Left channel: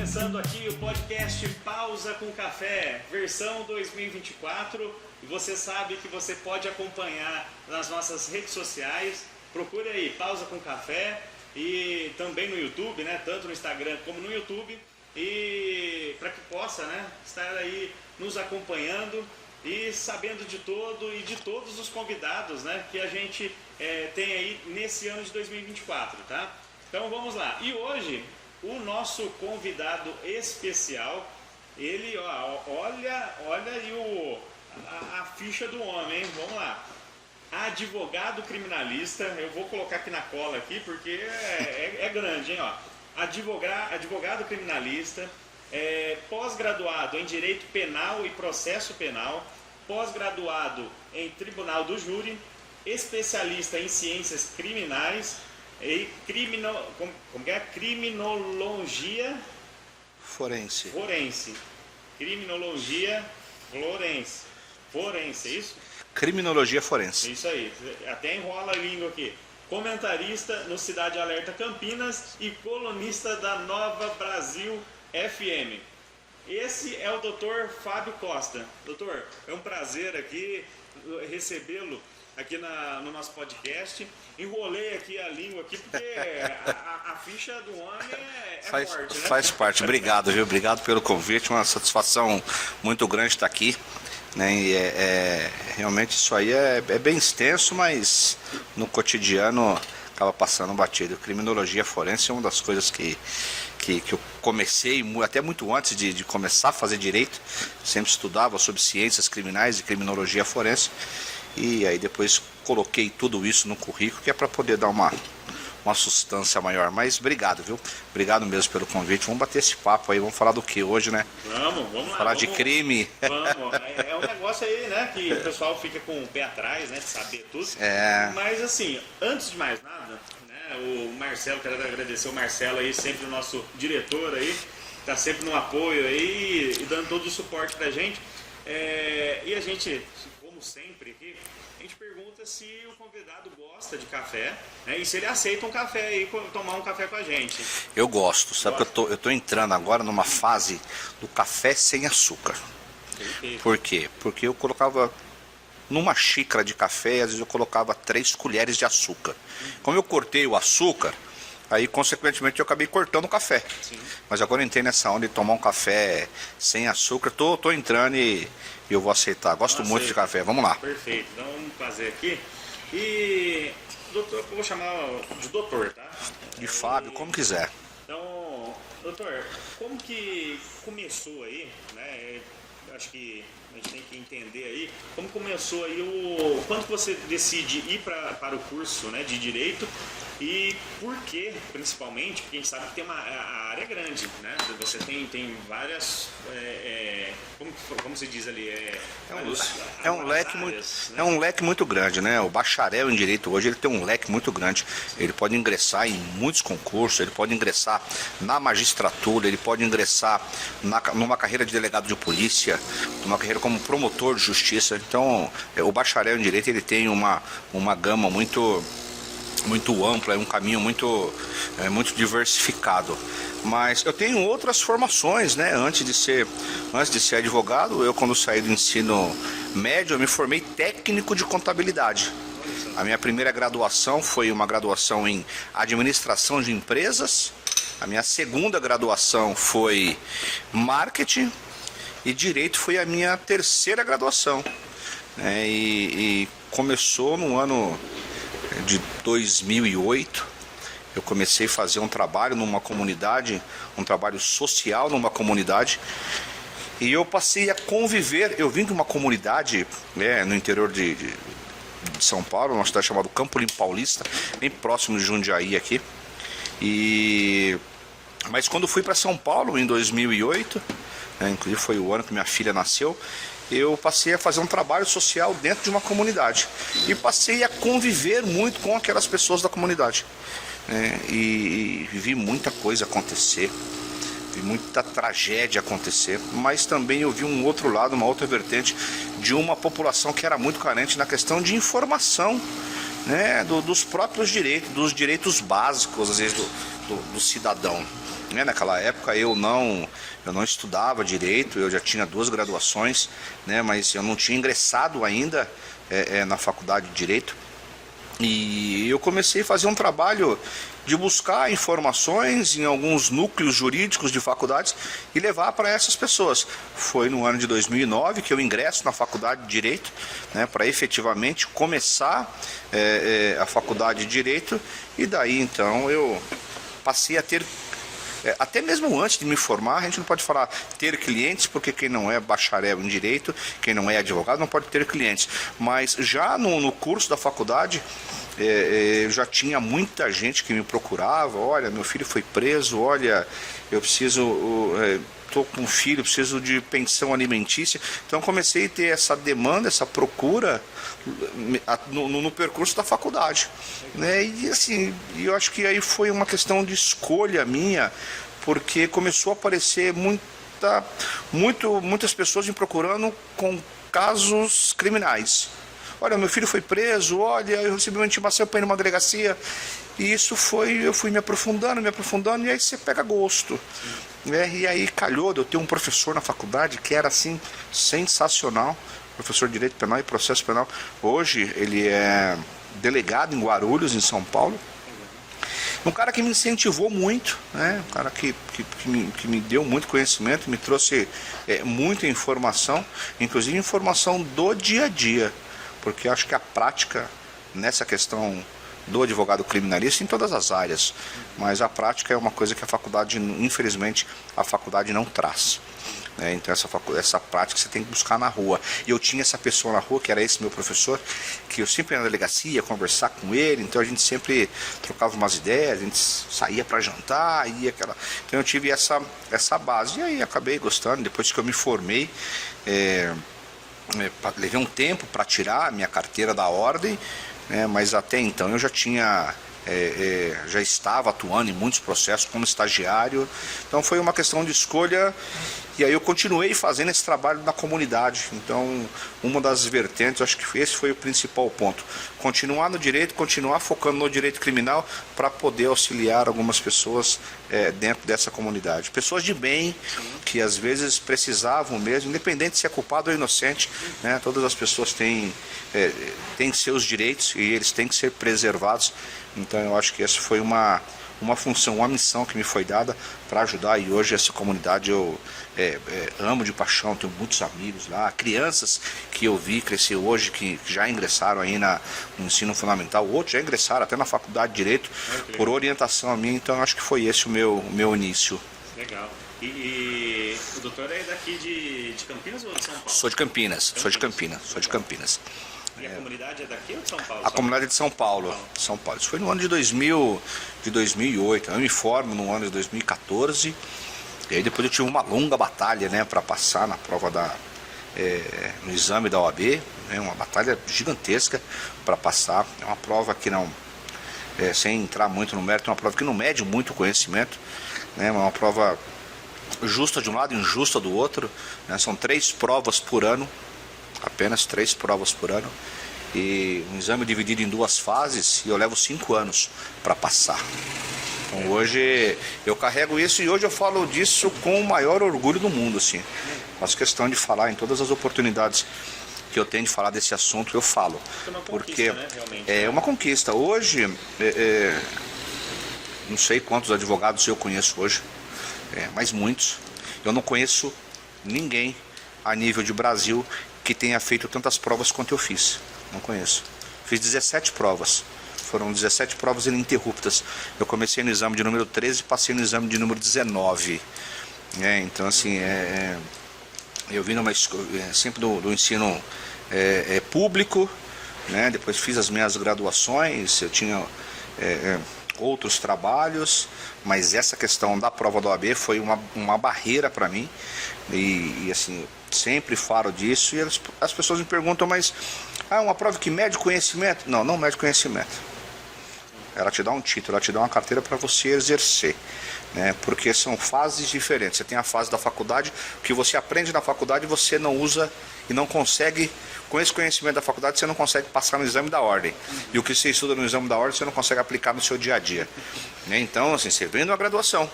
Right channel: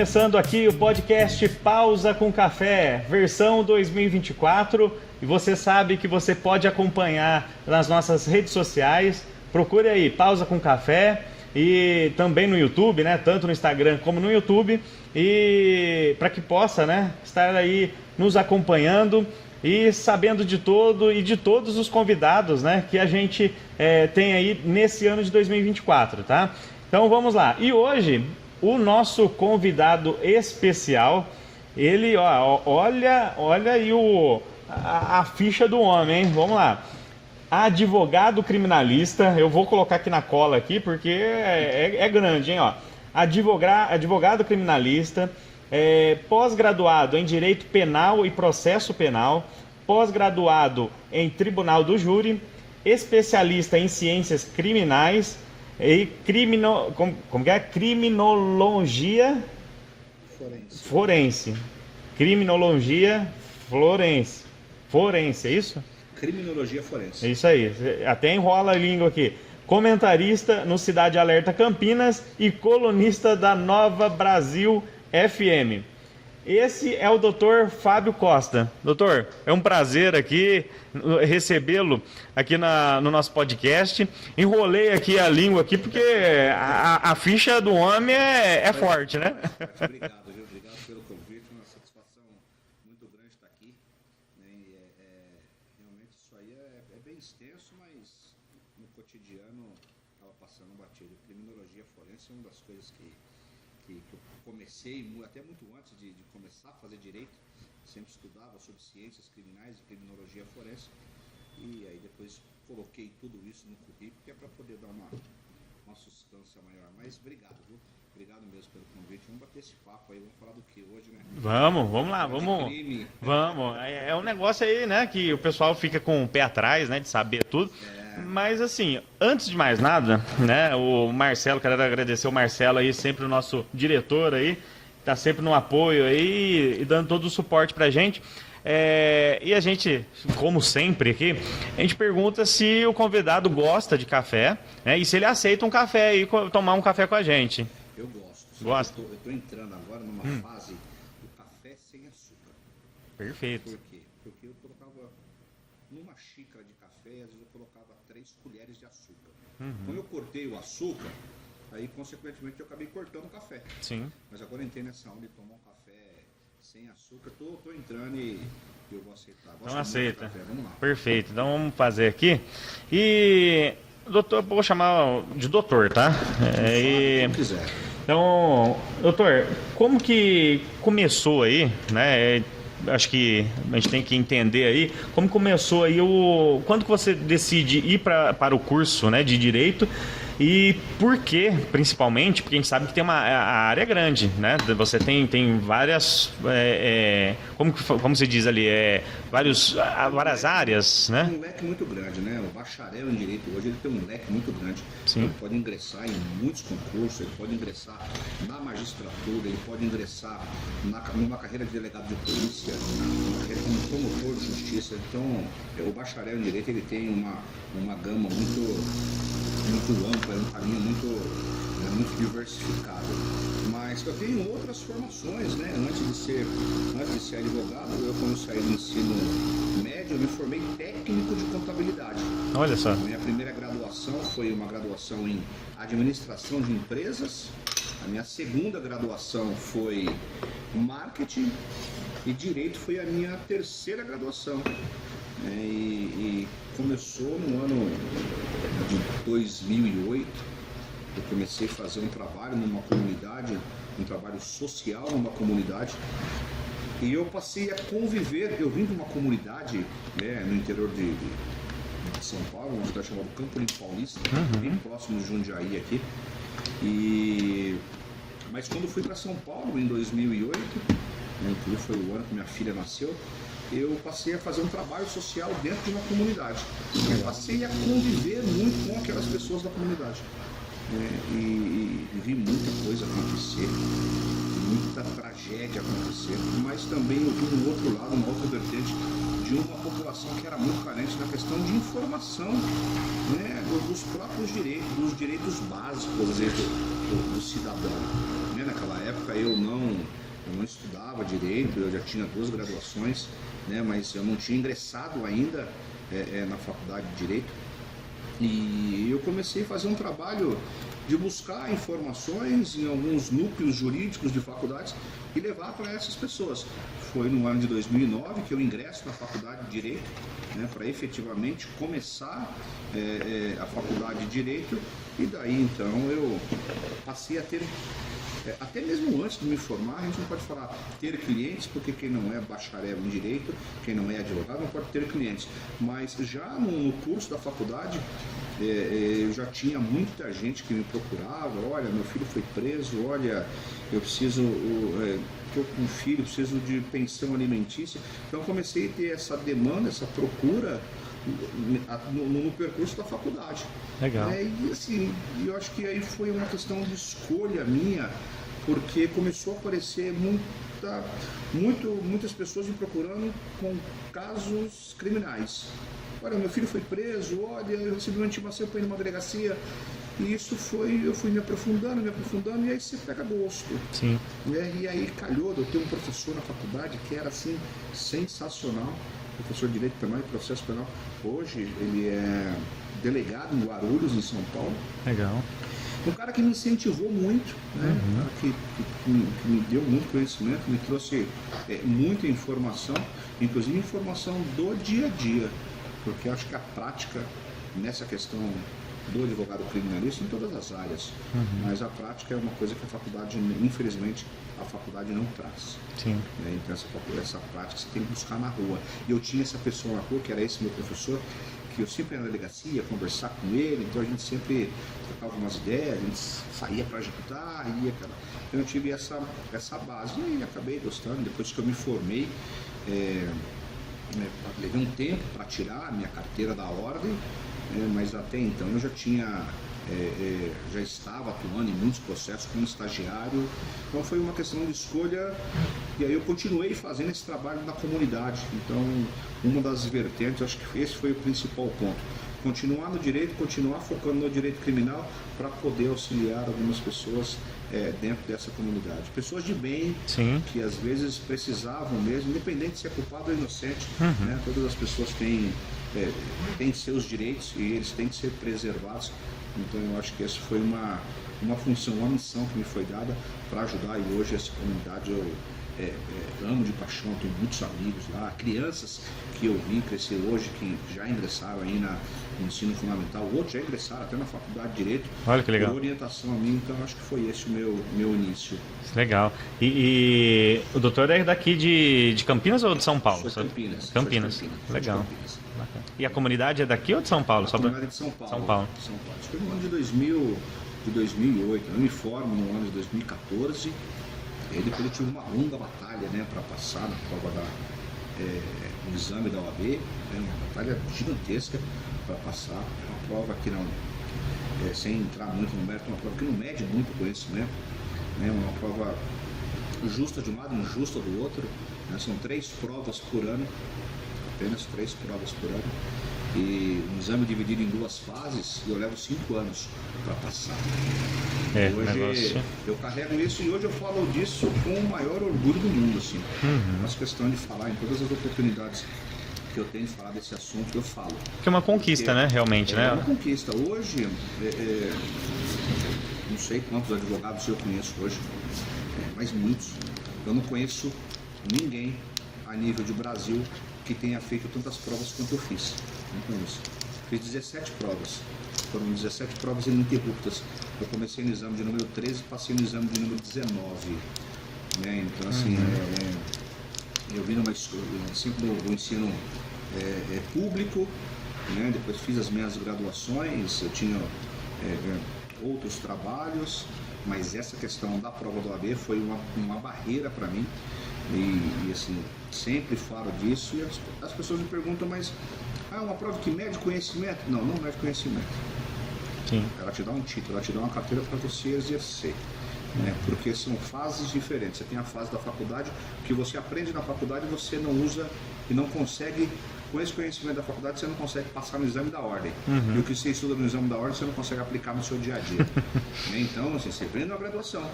começando aqui o podcast Pausa com Café, versão 2024. E você sabe que você pode acompanhar nas nossas redes sociais. Procure aí, Pausa com Café, e também no YouTube, né? Tanto no Instagram como no YouTube. E para que possa, né, estar aí nos acompanhando e sabendo de todo e de todos os convidados, né, que a gente tem aí nesse ano de 2024, tá? Então vamos lá. E hoje o nosso convidado especial, ele, ó, olha aí a ficha do homem, hein? Vamos lá. Advogado criminalista, eu vou colocar aqui na cola aqui porque é grande, hein? Ó. Advogado criminalista, pós-graduado em Direito Penal e Processo Penal, pós-graduado em Tribunal do Júri, especialista em Ciências Criminais e criminologia forense. Criminologia forense, é isso? Criminologia forense. É isso aí, até enrola a língua aqui. Comentarista no Cidade Alerta Campinas e colunista da Nova Brasil FM. Esse é o Dr. Fábio Costa. Doutor, é um prazer aqui recebê-lo aqui no nosso podcast. Enrolei aqui a língua aqui porque a ficha do homem é forte, né? Faz parte. Obrigado, viu? Obrigado pelo convite. Uma satisfação muito grande estar aqui. Né? E realmente isso aí é bem extenso, mas no cotidiano acaba passando batido. Criminologia forense é uma das coisas que eu comecei até muito antes de começar a fazer direito. Sempre estudava sobre ciências criminais e criminologia forense, e aí depois coloquei tudo isso no currículo, que é para poder dar uma sustância maior. Mas obrigado, viu? Obrigado mesmo pelo convite. Vamos bater esse papo aí. Vamos falar do que hoje, né? Vamos lá. Falar de crime. Vamos. É um negócio aí, né? Que o pessoal fica com o pé atrás, né? De saber tudo. Mas assim, antes de mais nada, né? O Marcelo, quero agradecer o Marcelo aí, sempre o nosso diretor aí. Tá sempre no apoio aí e dando todo o suporte pra gente. E a gente, como sempre aqui, a gente pergunta se o convidado gosta de café, né, e se ele aceita um café e tomar um café com a gente. Eu gosto, sabe? Eu tô entrando agora numa fase do café sem açúcar. Perfeito. Por quê? Porque eu colocava numa xícara de café, às vezes eu colocava 3 colheres de açúcar. Como eu cortei o açúcar, aí, consequentemente, eu acabei cortando o café. Sim. Mas agora eu entrei nessa onda de tomar um café sem açúcar. Tô entrando e eu vou aceitar. Gosto muito de café. Vamos lá. Perfeito. Então, vamos fazer aqui. E, doutor, vou chamar de doutor, tá? Fábio, como quiser. Então, doutor, como que começou aí, né? Acho que a gente tem que entender aí como começou aí quando que você decide ir para o curso, né, de Direito. E por quê, principalmente? Porque a gente sabe que a área é grande, né? Você tem várias, como se diz ali, várias áreas, né? É um leque muito grande, né? O bacharel em Direito hoje, ele tem um leque muito grande. Sim. Ele pode ingressar em muitos concursos, ele pode ingressar na magistratura, ele pode ingressar numa carreira de delegado de polícia, numa carreira como promotor de justiça. Então, o bacharel em Direito, ele tem uma gama muito ampla, é um caminho muito diversificado. Mas eu tenho outras formações, né? Antes de ser advogado, eu, quando saí do ensino médio, eu me formei técnico de contabilidade. Olha só. A minha primeira graduação foi uma graduação em administração de empresas. A minha segunda graduação foi marketing, e direito foi a minha terceira graduação. E começou no ano de 2008, eu comecei a fazer um trabalho numa comunidade, um trabalho social numa comunidade, e eu passei a conviver. Eu vim de uma comunidade, no interior de São Paulo, uma cidade chamada Campo Limpo Paulista, bem próximo de Jundiaí aqui. Mas quando fui para São Paulo em 2008, inclusive foi o ano que minha filha nasceu, eu passei a fazer um trabalho social dentro de uma comunidade e passei a conviver muito com aquelas pessoas da comunidade, e vi muita coisa acontecer, vi muita tragédia acontecer, mas também eu vi um outro lado, uma outra vertente de uma população que era muito carente na questão de informação, dos próprios direitos, dos direitos básicos, às vezes, do cidadão. Naquela época eu não estudava direito, eu já tinha 2 graduações, né? Mas eu não tinha ingressado ainda na faculdade de Direito. E eu comecei a fazer um trabalho de buscar informações em alguns núcleos jurídicos de faculdades e levar para essas pessoas. Foi no ano de 2009 que eu ingresso na faculdade de Direito, né, para efetivamente começar a faculdade de Direito, e daí então eu passei a ter, até mesmo antes de me formar, a gente não pode falar ter clientes, porque quem não é bacharel em Direito, quem não é advogado, não pode ter clientes. Mas já no curso da faculdade, já tinha muita gente que me procurava. Olha, meu filho foi preso, olha, eu preciso, estou com um filho, preciso de pensão alimentícia. Então comecei a ter essa demanda, essa procura no percurso da faculdade. Legal. E assim, eu acho que aí foi uma questão de escolha minha, porque começou a aparecer muitas pessoas me procurando com casos criminais. Olha, meu filho foi preso, olha, eu recebi uma intimação para ir numa delegacia. E isso eu fui me aprofundando, e aí você pega gosto. E aí calhou de eu ter um professor na faculdade que era assim, sensacional, professor de Direito Penal e Processo Penal. Hoje ele é delegado em Guarulhos, em São Paulo. Legal. Um cara que me incentivou muito, né? Um cara que me deu muito conhecimento, me trouxe muita informação, inclusive informação do dia a dia. Porque acho que a prática nessa questão do advogado criminalista em todas as áreas, mas a prática é uma coisa que a faculdade, infelizmente, a faculdade não traz. Então essa prática você tem que buscar na rua. E eu tinha essa pessoa na rua, que era esse meu professor, que eu sempre ia na delegacia, ia conversar com ele, então a gente sempre trocava umas ideias, a gente saía para jantar, então eu tive essa base, e aí acabei gostando. Depois que eu me formei, levei um tempo para tirar a minha carteira da ordem, mas até então eu já estava atuando em muitos processos como estagiário. Então foi uma questão de escolha, e aí eu continuei fazendo esse trabalho na comunidade. Então uma das vertentes, acho que esse foi o principal ponto: continuar no direito, continuar focando no direito criminal, para poder auxiliar algumas pessoas dentro dessa comunidade, pessoas de bem. Que às vezes precisavam mesmo, independente se é culpado ou inocente, né? Todas as pessoas têm seus direitos e eles têm que ser preservados. Então eu acho que essa foi uma função, uma missão que me foi dada para ajudar, e hoje essa comunidade eu amo de paixão, tenho muitos amigos lá, crianças que eu vi crescer hoje, que já ingressaram aí no ensino fundamental, outros já ingressaram até na faculdade de Direito, por orientação a mim. Então eu acho que foi esse o meu início. Legal. E o doutor é daqui de Campinas ou de São Paulo? Sou de Campinas. Sou de Campinas. E a comunidade é daqui ou de São Paulo? A comunidade é de São Paulo. Isso foi no ano de 2008. Eu me formo no ano de 2014. E aí depois eu tive uma longa batalha, né, para passar na prova no exame da OAB. Uma batalha gigantesca para passar. É uma prova que não, sem entrar muito no mérito, é uma prova que não mede muito conhecimento. É uma prova justa de um lado e injusta do outro, né? São 3 provas por ano, apenas 3 provas por ano, e um exame dividido em 2 fases, e eu levo 5 anos para passar. Hoje eu carrego isso, e hoje eu falo disso com o maior orgulho do mundo, assim. Faço questão de falar em todas as oportunidades que eu tenho de falar desse assunto, eu falo. É uma conquista, né, realmente. É uma conquista. Hoje, não sei quantos advogados eu conheço hoje, mas muitos. Eu não conheço ninguém a nível de Brasil que tenha feito tantas provas quanto eu fiz. Não conheço. Fiz 17 provas. Foram 17 provas ininterruptas. Eu comecei no exame de número 13 e passei no exame de número 19. Então, assim, eu vim sempre do ensino público, né? Depois fiz as minhas graduações, eu tinha outros trabalhos, mas essa questão da prova da OAB foi uma barreira para mim, e assim, sempre falo disso, e as pessoas me perguntam, mas uma prova que mede conhecimento? Não mede conhecimento. Ela te dá um título, ela te dá uma carteira para você exercer, porque são fases diferentes. Você tem a fase da faculdade, o que você aprende na faculdade você não usa e não consegue. Com esse conhecimento da faculdade, você não consegue passar no exame da ordem. E o que você estuda no exame da ordem, você não consegue aplicar no seu dia a dia. Então, assim, você vem de uma graduação.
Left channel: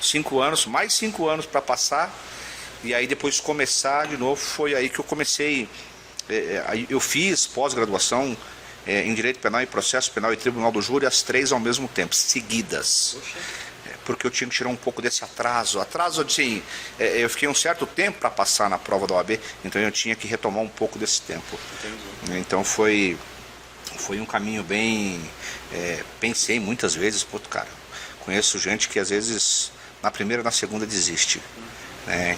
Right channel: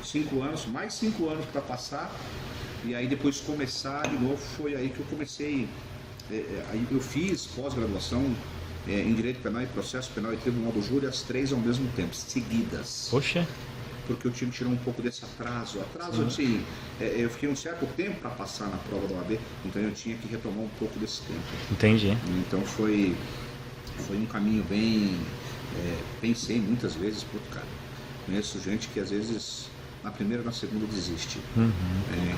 5 anos, mais 5 anos para passar, e aí depois começar de novo, foi aí que eu comecei, aí eu fiz pós-graduação em Direito Penal e Processo Penal e Tribunal do Júri, as 3 ao mesmo tempo, seguidas. Poxa. Porque eu tinha que tirar um pouco desse atraso. Assim, eu fiquei um certo tempo para passar na prova da OAB, então eu tinha que retomar um pouco desse tempo. Entendi. Então foi um caminho bem... pensei muitas vezes, cara, conheço gente que às vezes na primeira e na segunda desiste.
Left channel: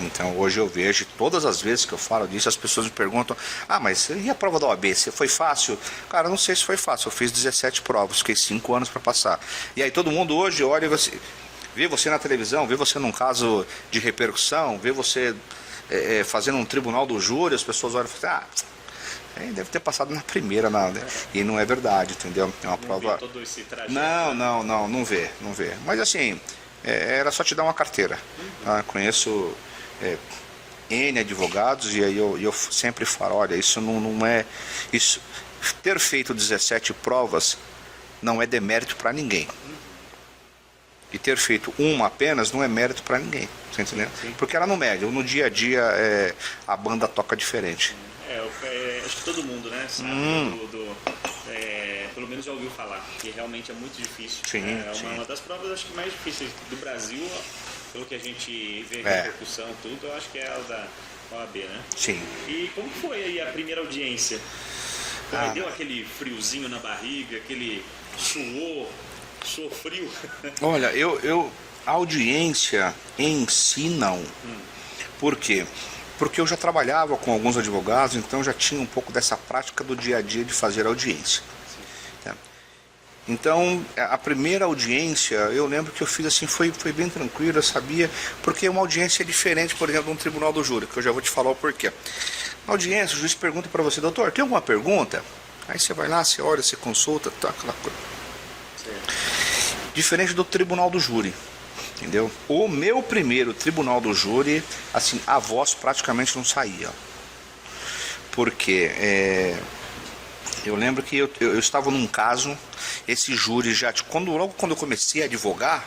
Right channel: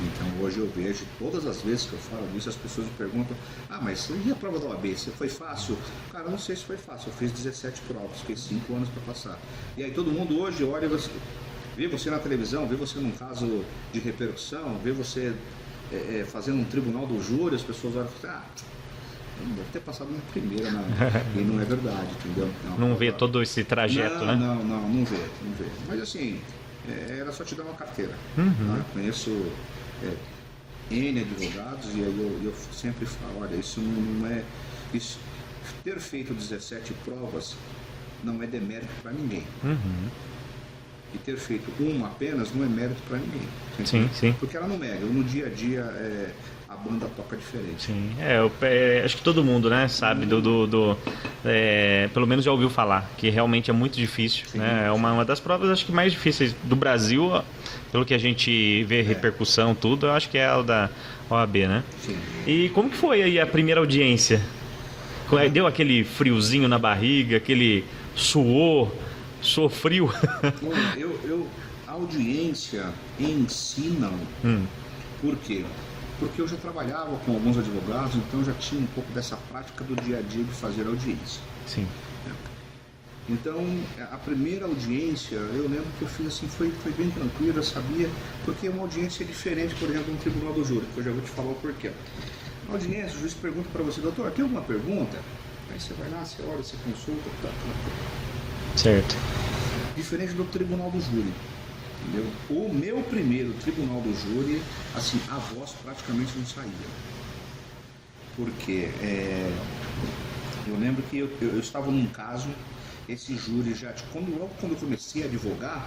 Então hoje eu vejo, todas as vezes que eu falo disso, as pessoas me perguntam: mas e a prova da OAB? Foi fácil? Cara, eu não sei se foi fácil, eu fiz 17 provas, fiquei 5 anos para passar. E aí todo mundo hoje olha e vê você na televisão, vê você num caso de repercussão, vê você fazendo um tribunal do júri, as pessoas olham e falam: deve ter passado na primeira, e não é verdade, entendeu? É uma não prova... vê todo esse trajeto, não vê. Mas assim, era só te dar uma carteira. Tá? Conheço N advogados, e aí eu sempre falo: olha, isso não é... Isso, ter feito 17 provas não é demérito para ninguém. E ter feito uma apenas não é mérito para ninguém. Você entendeu? Sim. Porque ela não mede. No dia a dia a banda toca diferente. Acho que todo mundo, né, sabe pelo menos já ouviu falar que realmente é muito difícil. Sim, né? É uma das provas, acho que mais difíceis do Brasil, pelo que a gente vê repercussão, tudo. Eu acho que é a da OAB, né? Sim. E como que foi aí a primeira audiência? Deu aquele friozinho na barriga, aquele suor? Sofreu? Olha, a audiência em si não. Por quê? Porque eu já trabalhava com alguns advogados, então já tinha um pouco dessa prática do dia a dia de fazer audiência. Sim. Então, a primeira audiência, eu lembro que eu fiz assim, foi bem tranquilo, eu sabia, porque uma audiência é diferente, por exemplo, de um tribunal do júri, que eu já vou te falar o porquê. Na audiência, o juiz pergunta para você: doutor, tem alguma pergunta? Aí você vai lá, você olha, você consulta, tá, aquela coisa. Certo. Diferente do tribunal do júri, entendeu? O meu primeiro tribunal do júri, assim, a voz praticamente não saía. Porque eu lembro que eu estava num caso, esse júri já... Logo quando eu comecei a advogar,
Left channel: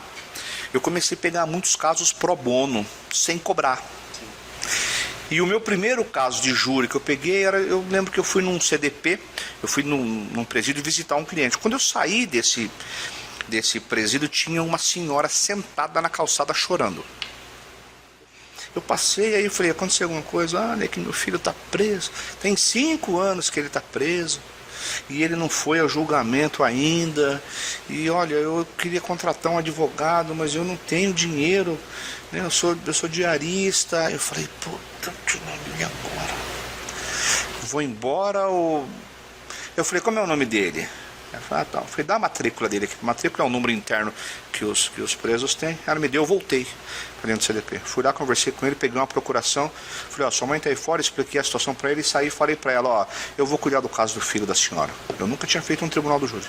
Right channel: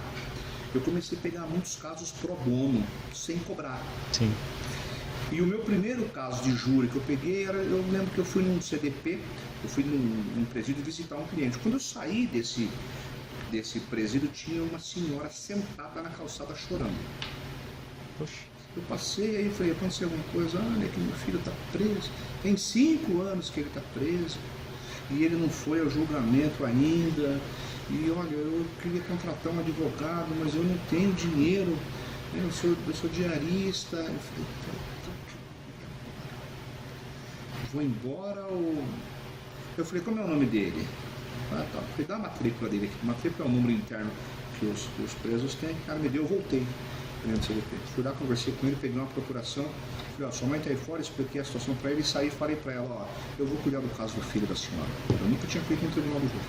eu comecei a pegar muitos casos pro bono, sem cobrar. Sim. E o meu primeiro caso de júri que eu peguei eu lembro que eu fui num CDP, eu fui num presídio visitar um cliente. Quando eu saí desse presídio, tinha uma senhora sentada na calçada chorando. Eu passei, aí eu falei: aconteceu alguma coisa? É que meu filho está preso, tem 5 anos que ele está preso, e ele não foi ao julgamento ainda, e olha, eu queria contratar um advogado, mas eu não tenho dinheiro, né? Eu sou diarista. Eu falei: puta que nome agora? Vou embora ou... Eu falei: como é o nome dele? Eu falei: tá. Eu falei: dá a matrícula dele aqui. A matrícula é um número interno que os presos têm. Ela me deu, eu voltei ali no CDP. Fui lá, conversei com ele, peguei uma procuração. Falei: sua mãe está aí fora, expliquei a situação para ele e saí e falei para ela: eu vou cuidar do caso do filho da senhora. Eu nunca tinha feito um tribunal do júri.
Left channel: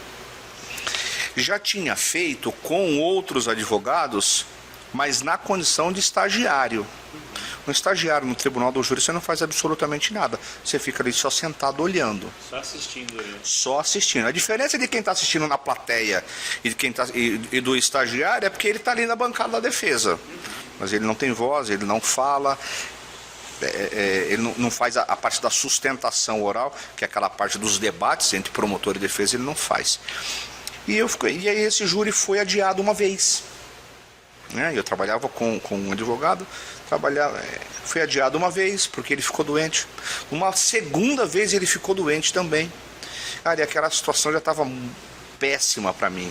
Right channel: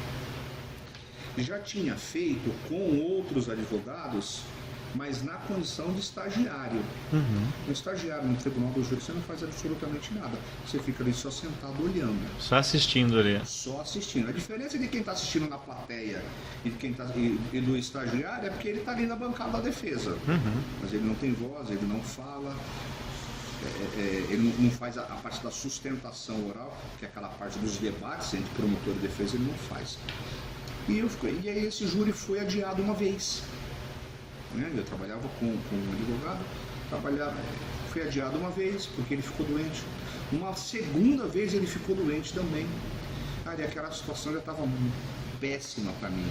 Já tinha feito com outros advogados, mas na condição de estagiário. Um estagiário no tribunal do júri, você não faz absolutamente nada. Você fica ali só sentado olhando. Só assistindo ali. Só assistindo. A diferença de quem está assistindo na plateia e do estagiário é porque ele está ali na bancada da defesa. Mas ele não tem voz, ele não fala, ele não faz a parte da sustentação oral, que é aquela parte dos debates entre promotor e defesa, ele não faz. E aí esse júri foi adiado uma vez. Eu trabalhava com um advogado, foi adiado uma vez porque ele ficou doente. Uma segunda vez ele ficou doente também. Cara, e aquela situação já estava péssima para mim,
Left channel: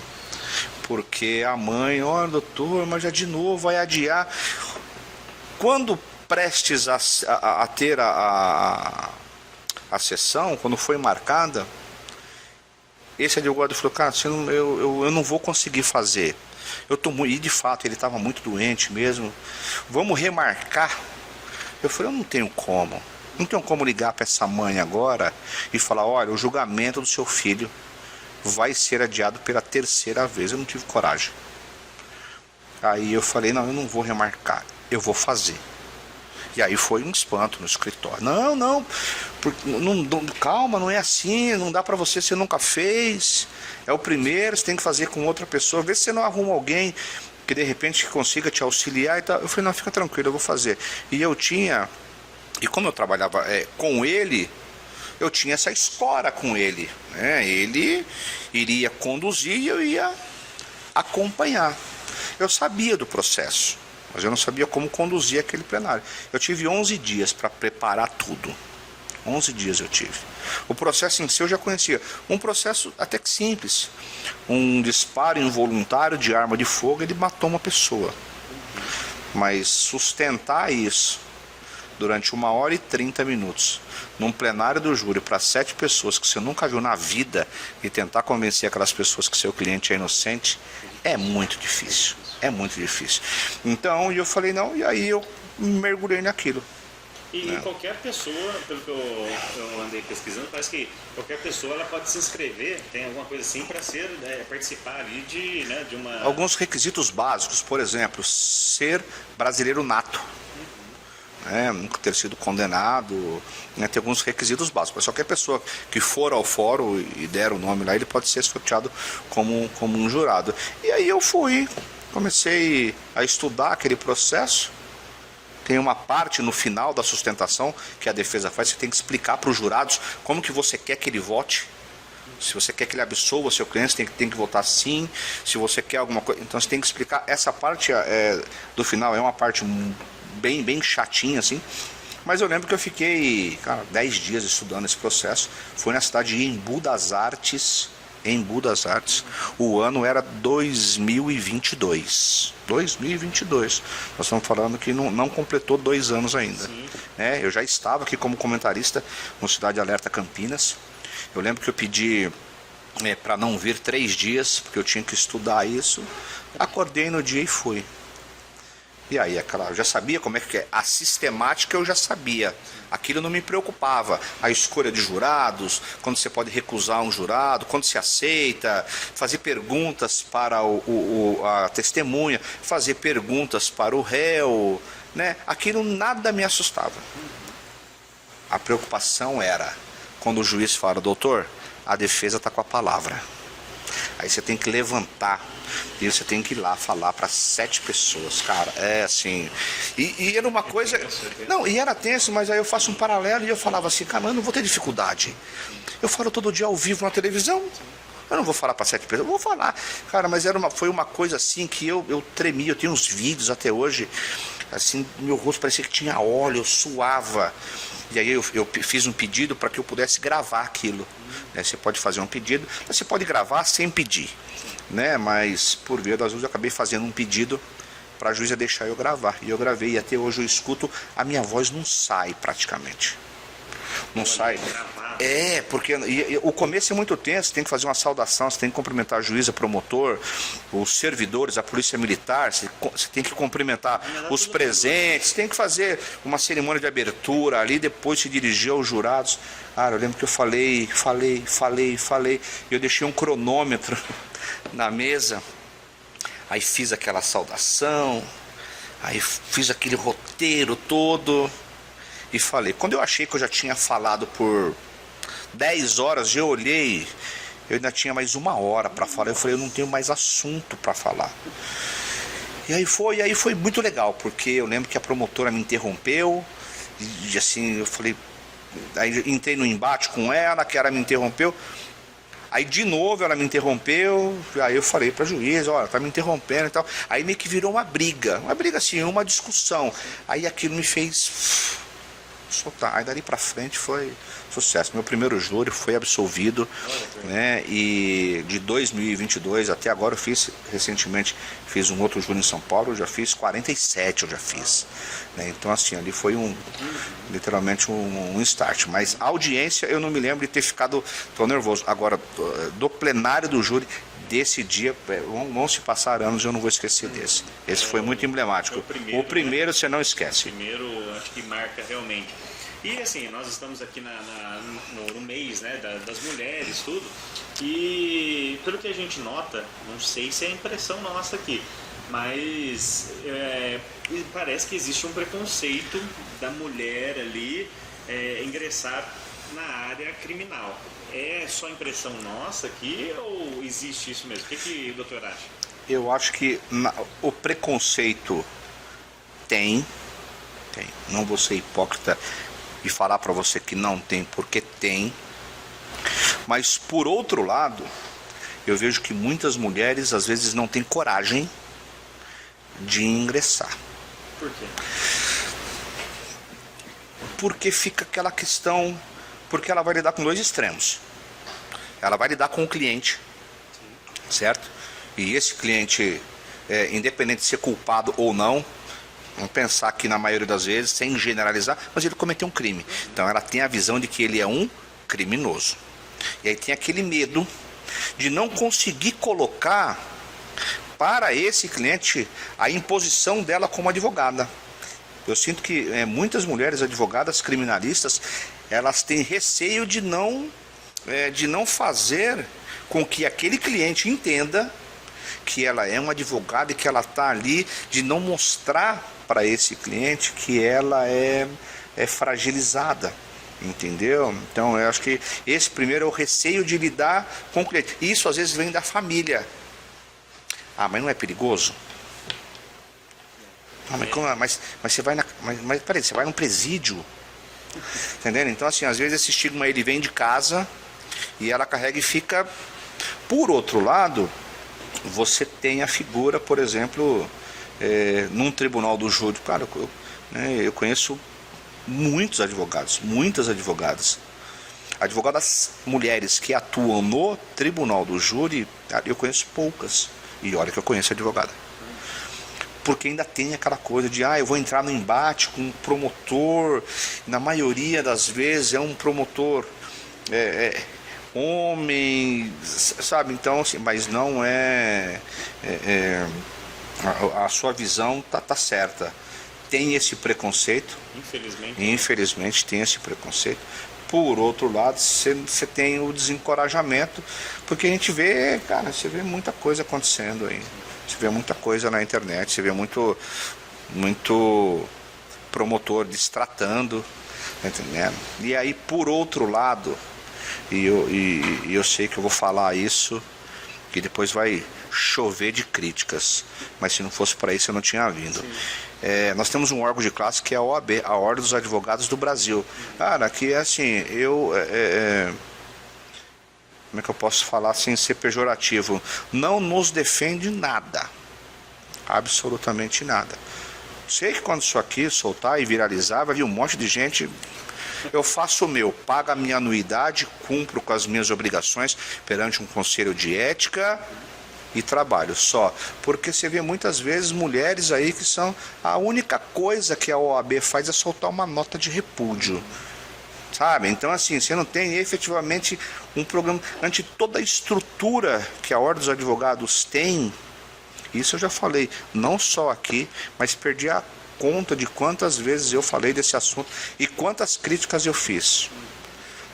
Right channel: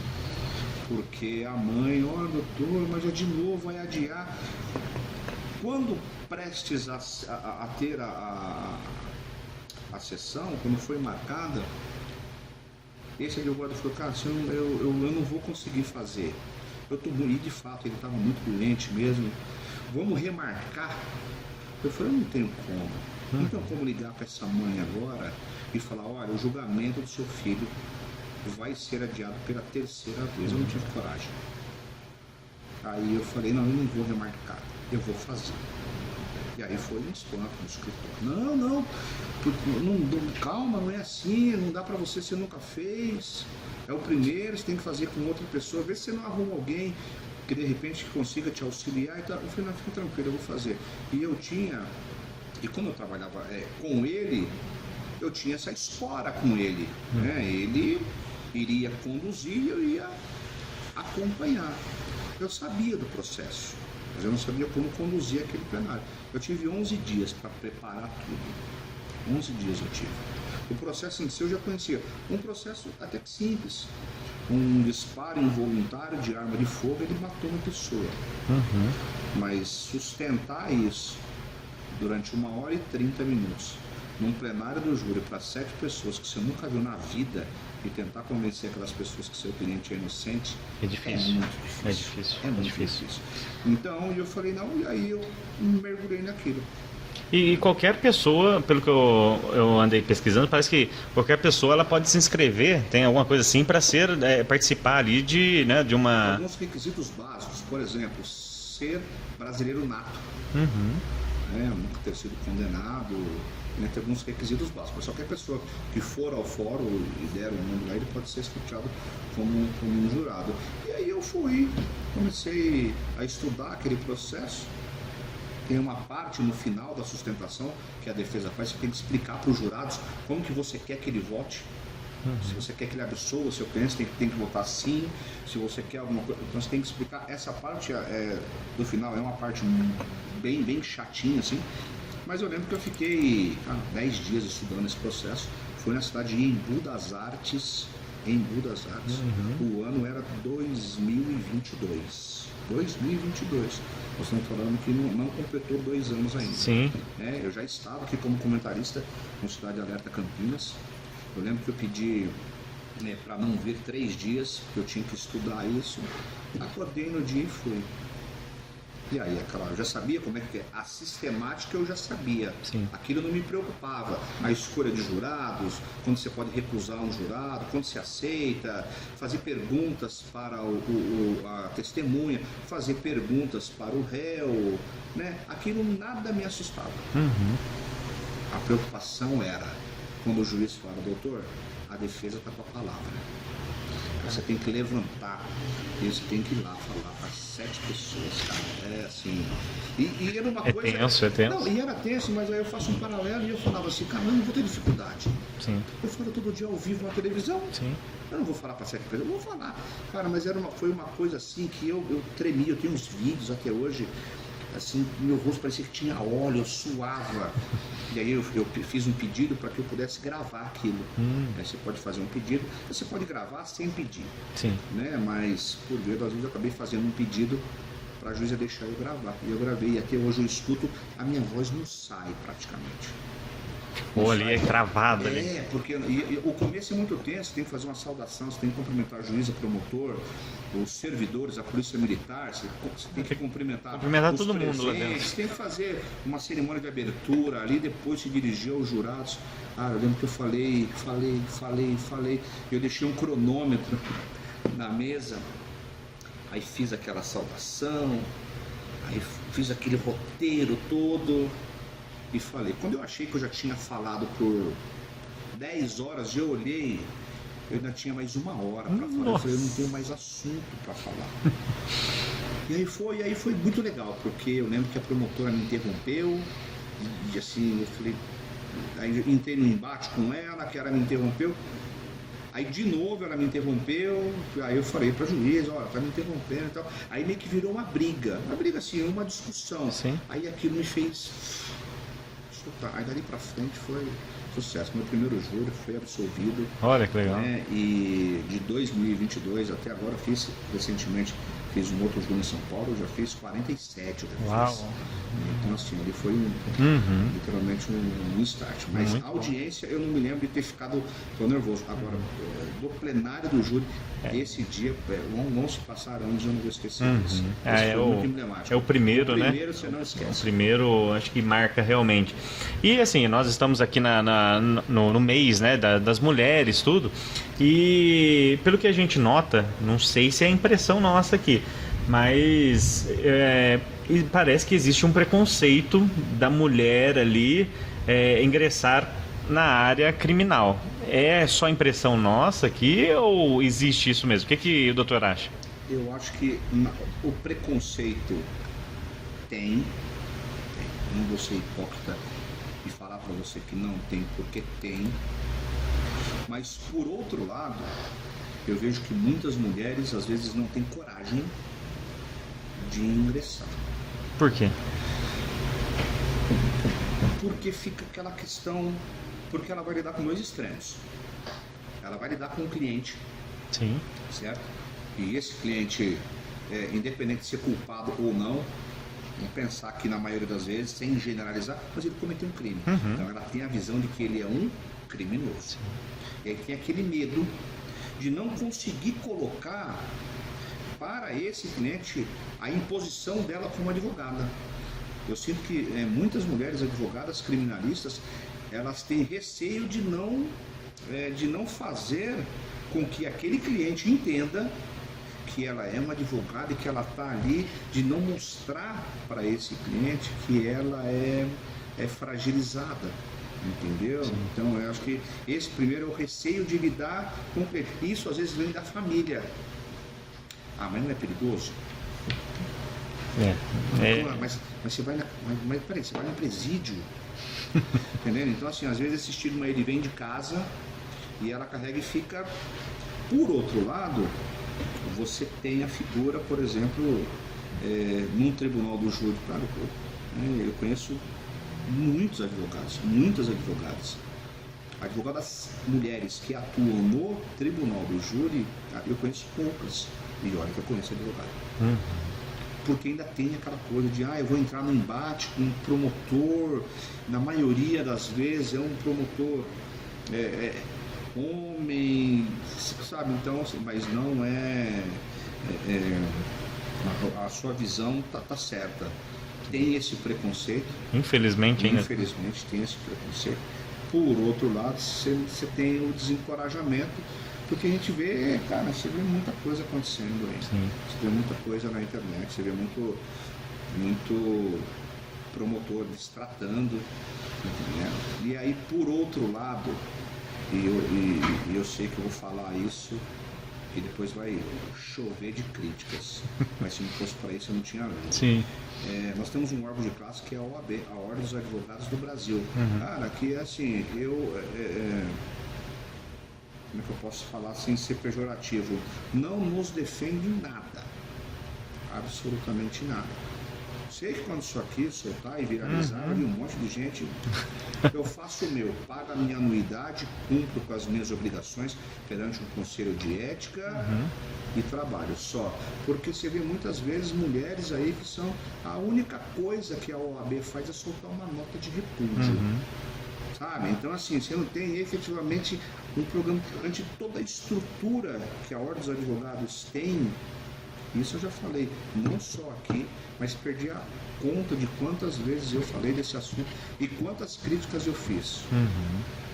porque a mãe: olha, doutor, mas já de novo vai adiar. Quando prestes a ter a sessão, quando foi marcada, esse advogado falou: cara, eu não vou conseguir fazer. E de fato ele estava muito doente mesmo. Vamos remarcar? Eu falei: eu não tenho como. Não tenho como ligar para essa mãe agora e falar: olha, o julgamento do seu filho vai ser adiado pela 3ª vez. Eu não tive coragem. Aí eu falei: não, eu não vou remarcar, eu vou fazer. E aí foi um espanto no escritório. Não, calma, não é assim, não dá para você nunca fez. É o primeiro, você tem que fazer com outra pessoa. Vê se você não arruma alguém que de repente consiga te auxiliar e tal. Eu falei, não, fica tranquilo, eu vou fazer. E eu tinha, e como eu trabalhava com ele, eu tinha essa escora com ele, né? Ele iria conduzir e eu ia acompanhar. Eu sabia do processo, mas eu não sabia como conduzir aquele plenário. Eu tive 11 dias para preparar tudo. 11 dias eu tive. O processo em si eu já conhecia. Um processo até que simples. Um disparo involuntário de arma de fogo, ele matou uma pessoa. Mas sustentar isso durante 1h30 num plenário do júri para 7 pessoas que você nunca viu na vida e tentar convencer aquelas pessoas que seu cliente é inocente, é muito difícil. É muito difícil. Então eu falei não, e aí eu mergulhei naquilo. E qualquer pessoa, pelo que eu andei pesquisando, parece que qualquer pessoa ela pode se inscrever, tem alguma coisa assim, para participar ali de uma... Alguns requisitos básicos, por exemplo, ser brasileiro nato. Nunca ter sido condenado, né, tem alguns requisitos básicos. Só que a pessoa que for ao fórum e der o nome lá, ele pode ser sorteado como um jurado. E aí eu comecei a estudar aquele processo. Tem uma parte no final da sustentação que a defesa faz, você tem que explicar para os jurados como que você quer que ele vote. Se você quer que ele absolva seu cliente, tem que votar sim. Se você quer alguma coisa, então você tem que explicar. Essa parte do final é uma parte bem chatinha, assim. Mas eu lembro que eu fiquei, 10 dias estudando esse processo. Fui na cidade de Embu das Artes. O ano era 2022. 2022. Nós estamos falando que não completou 2 anos ainda. Sim. Eu já estava aqui como comentarista no Cidade Alerta Campinas. Eu lembro que eu pedi para não vir 3 dias, porque eu tinha que estudar isso. Acordei no dia e fui. E aí, eu já sabia como é que é. A sistemática eu já sabia. Sim. Aquilo não me preocupava. A escolha de jurados, quando você pode recusar um jurado, quando se aceita, fazer perguntas para a testemunha, fazer perguntas para o réu, né? Aquilo nada me assustava. A preocupação era quando o juiz fala, doutor, a defesa está com a palavra. Aí você tem que levantar e você tem que ir lá falar para 7 pessoas, cara, assim. E era uma coisa. Tenso. Não, e era tenso, mas aí eu faço um paralelo e eu falava assim, cara, eu não vou ter dificuldade. Sim. Eu falo todo dia ao vivo na televisão. Sim. Eu não vou falar para 7 pessoas, eu vou falar. Cara, mas foi uma coisa assim que eu tremia, eu tenho uns vídeos até hoje, assim, meu rosto parecia que tinha óleo, eu suava. E aí eu fiz um pedido para que eu pudesse gravar aquilo. Você pode fazer um pedido, você pode gravar sem pedir. Sim. Né? Mas, por ver das vezes, eu acabei fazendo um pedido para a juíza deixar eu gravar. E eu gravei, e até hoje eu escuto, a minha voz não sai praticamente. Não sai. Travado. Porque o começo é muito tenso, você tem que fazer uma saudação, você tem que cumprimentar a juíza, promotor, os servidores, a polícia militar, você tem que cumprimentar os presentes, você tem que fazer uma cerimônia de abertura ali, depois se dirigir aos jurados. Eu lembro que eu falei, eu deixei um cronômetro na mesa, aí fiz aquela saudação, aí fiz aquele roteiro todo. E falei, quando eu achei que eu já tinha falado por 10 horas, eu olhei, eu ainda tinha mais 1 hora para falar. Eu falei, eu não tenho mais assunto para falar. E aí foi muito legal, porque eu lembro que a promotora me interrompeu, e assim, eu falei, aí entrei no embate com ela, que ela me interrompeu. Aí de novo ela me interrompeu, aí eu falei para a juíza, olha, tá me interrompendo e tal. Aí meio que virou uma briga assim, uma discussão. Sim. Aí aquilo me fez soltar. Aí dali pra frente foi sucesso. Meu primeiro júri foi absolvido. Olha que legal. Né? E de 2022 até agora eu recentemente fiz um outro júri em São Paulo, eu já fiz 47, fiz. Né? Então assim, ali foi literalmente um start. Mas a audiência eu não me lembro de ter ficado tão nervoso. Agora, do plenário do júri, desse dia, vão se passar anos, eu não vou esquecer desse. Esse foi muito emblemático. É o primeiro, né? Você não esquece. O primeiro, acho que marca realmente. E assim, nós estamos aqui no mês, né, das mulheres, tudo. E pelo que a gente nota, não sei se é impressão nossa aqui, mas parece que existe um preconceito da mulher ali ingressar na área criminal. É só impressão nossa aqui ou existe isso mesmo? O que o doutor acha? Eu acho que o preconceito tem. Não vou ser hipócrita e falar para você que não tem, porque tem. Mas por outro lado, eu vejo que muitas mulheres às vezes não têm coragem de ingressar. Por quê? Porque fica aquela questão, porque ela vai lidar com dois extremos. Ela vai lidar com o cliente, Sim. certo? E esse cliente, independente de ser culpado ou não, vamos pensar que na maioria das vezes, sem generalizar, mas ele cometeu um crime. Então ela tem a visão de que ele é um criminoso. E aí tem aquele medo de não conseguir colocar para esse cliente a imposição dela como advogada. Eu sinto que muitas mulheres advogadas criminalistas, elas têm receio de não fazer com que aquele cliente entenda que ela é uma advogada e que ela está ali, de não mostrar para esse cliente que ela é fragilizada, entendeu? Então eu acho que esse primeiro é o receio de lidar com o cliente. Isso às vezes vem da família. Ah, mas não é perigoso? Mas você vai mas peraí, você vai num presídio, entendendo? Então assim, às vezes esse estigma ele vem de casa e ela carrega e fica. Por outro lado, você tem a figura, por exemplo, num tribunal do júri. Cara, eu conheço muitos advogados, muitas advogadas. Advogadas mulheres que atuam no tribunal do júri, ali eu conheço poucas. E olha que eu conheço advogada. Porque ainda tem aquela coisa de, eu vou entrar no embate com um promotor. Na maioria das vezes é um promotor homem, sabe? Então, assim, mas não a sua visão tá certa. Tem esse preconceito. Infelizmente tem esse preconceito. Por outro lado, você tem o desencorajamento, porque a gente vê, cara, você vê muita coisa acontecendo aí. Sim. Você vê muita coisa na internet, você vê muito promotor destratando, tá entendendo? E aí, por outro lado, e eu sei que eu vou falar isso, que depois vai chover de críticas, mas se não fosse para isso eu não tinha vindo. Nós temos um órgão de classe que é a OAB, a Ordem dos Advogados do Brasil. Cara, que assim, como é que eu posso falar sem ser pejorativo? Não nos defende nada, absolutamente nada. Sei que quando isso aqui soltar e viralizar, vai vir um monte de gente. Eu faço o meu, pago a minha anuidade, cumpro com as minhas obrigações perante um conselho de ética e trabalho só. Porque você vê muitas vezes mulheres aí que são... A única coisa que a OAB faz é soltar uma nota de repúdio. Sabe? Então, assim, você não tem efetivamente um programa... Ante toda a estrutura que a Ordem dos Advogados tem... Isso eu já falei, não só aqui, mas perdi a conta de quantas vezes eu falei desse assunto e quantas críticas eu fiz.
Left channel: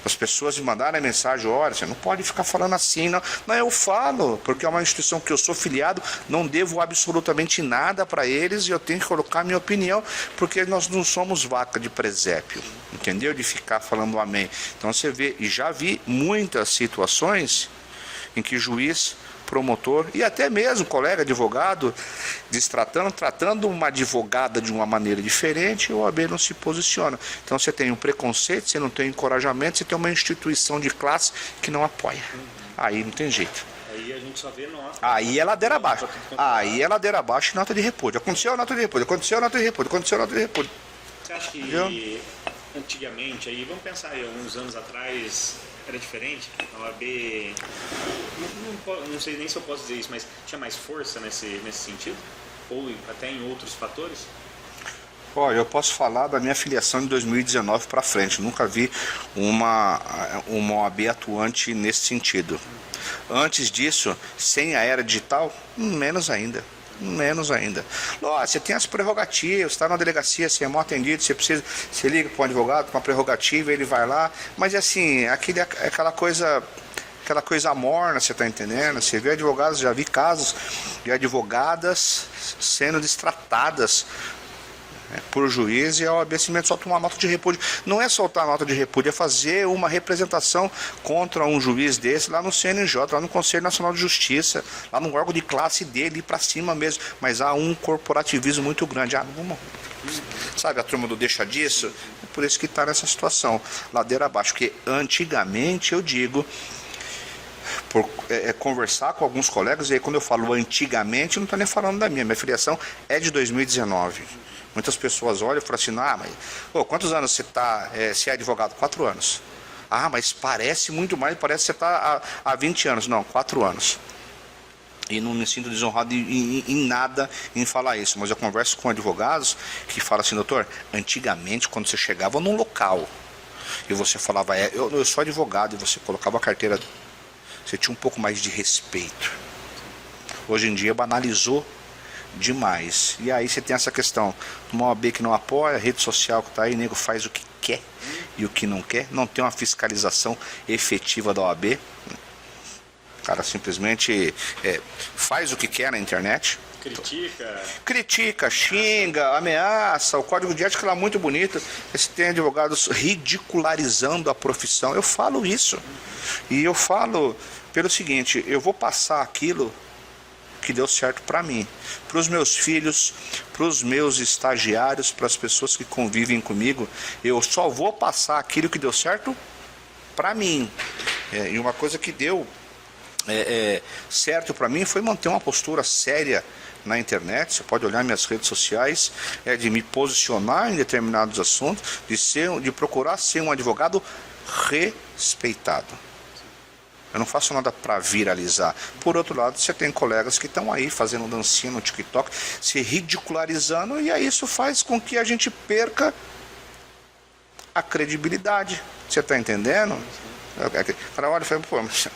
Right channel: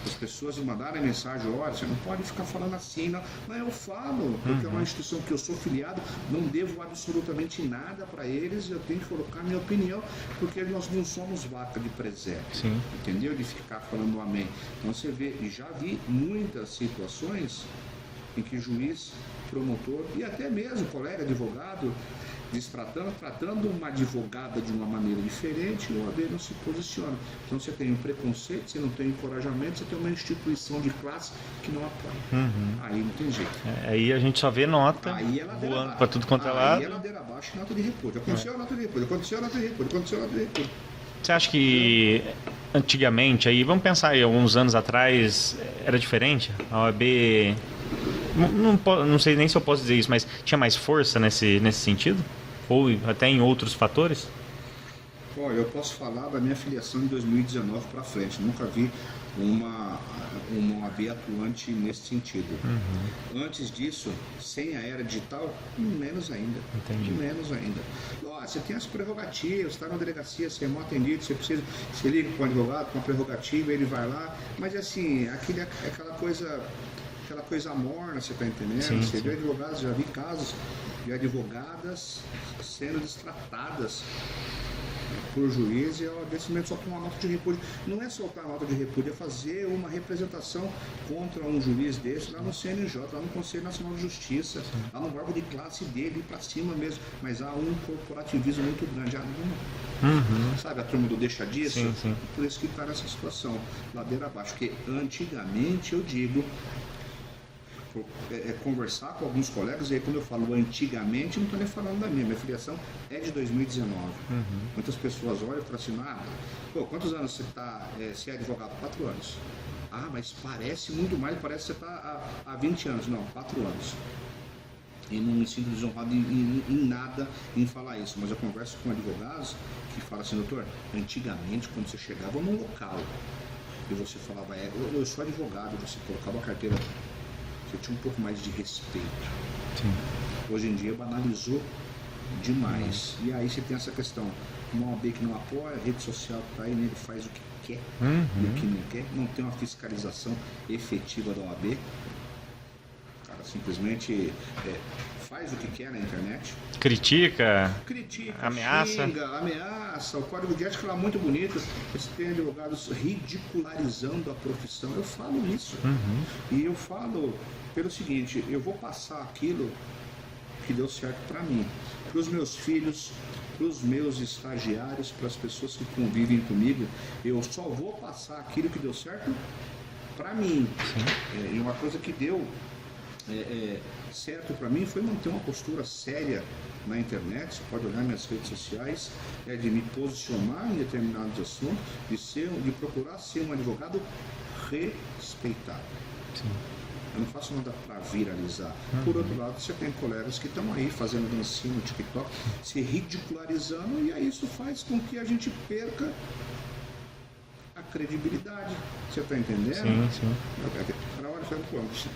As pessoas me mandaram a mensagem, olha, você não pode ficar falando assim, não. Não, eu falo, porque é uma instituição que eu sou filiado, não devo absolutamente nada para eles e eu tenho que colocar a minha opinião, porque nós não somos vaca de presépio, entendeu? De ficar falando amém. Então você vê, e já vi muitas situações em que juiz, promotor e até mesmo colega advogado tratando uma advogada de uma maneira diferente, o OAB não se posiciona. Então você tem um preconceito, você não tem encorajamento, você tem uma instituição de classe que não apoia. Aí não tem jeito. Aí a gente só vê nota. Aí é ladeira abaixo. Aí é ladeira abaixo e nota de repúdio. Aconteceu a nota de repúdio, aconteceu a nota de repúdio, aconteceu a nota de repúdio. Você acha que antigamente, aí vamos pensar aí, alguns anos atrás, era diferente? A OAB... Não sei nem se eu posso dizer isso, mas tinha mais força nesse sentido? Ou até em outros fatores? Olha, eu posso falar da minha filiação de 2019 para frente. Nunca vi uma OAB atuante nesse sentido. Antes disso, sem a era digital, menos ainda. Menos ainda. Você tem as prerrogativas, está na delegacia, você é mal atendido, você liga para um advogado com uma prerrogativa, ele vai lá. Mas assim, aquela coisa morna, você está entendendo? Você vê advogados, já vi casos de advogadas sendo destratadas por juiz e a OAB simplesmente solta uma nota de repúdio. Não é soltar a nota de repúdio, é fazer uma representação contra um juiz desse lá no CNJ, lá no Conselho Nacional de Justiça, lá no órgão de classe dele, ir para cima mesmo. Mas há um corporativismo muito grande. Sabe a turma do deixa disso? Sim. É por isso que está nessa situação, ladeira abaixo. Porque antigamente, eu digo, conversar com alguns colegas, e aí quando eu falo antigamente, eu não estou nem falando da minha filiação é de 2019. Muitas pessoas olham e falam assim, mas quantos anos você está, você é advogado? 4 anos. Mas parece muito mais, parece que você está há 20 anos. Não, 4 anos. E não me sinto desonrado em nada em falar isso, mas eu converso com advogados que falam assim, doutor, antigamente quando você chegava num local e você falava, eu sou advogado, e você colocava a carteira, você tinha um pouco mais de respeito. Sim. Hoje em dia banalizou demais. E aí você tem essa questão, uma OAB que não apoia, a rede social que está aí, o nego faz o que quer e o que não quer, não tem uma fiscalização efetiva da OAB. O cara simplesmente faz o que quer na internet. Critica, ameaça. Xinga, ameaça. O código de ética é muito bonito. Você tem advogados ridicularizando a profissão. Eu falo isso. E eu falo pelo seguinte, eu vou passar aquilo que deu certo para mim, para os meus filhos, para os meus estagiários, para as pessoas que convivem comigo. Eu só vou passar aquilo que deu certo para mim. E uma coisa que deu certo para mim foi manter uma postura séria na internet. Você pode olhar minhas redes sociais, de me posicionar em determinados assuntos, de procurar ser um advogado respeitado. Sim. Eu não faço nada para viralizar. Por outro lado, você tem colegas que estão aí fazendo dancinha no TikTok, se ridicularizando, e aí isso faz com que a gente perca a credibilidade. Você está entendendo? Sim. Para olha, foi, pô, mas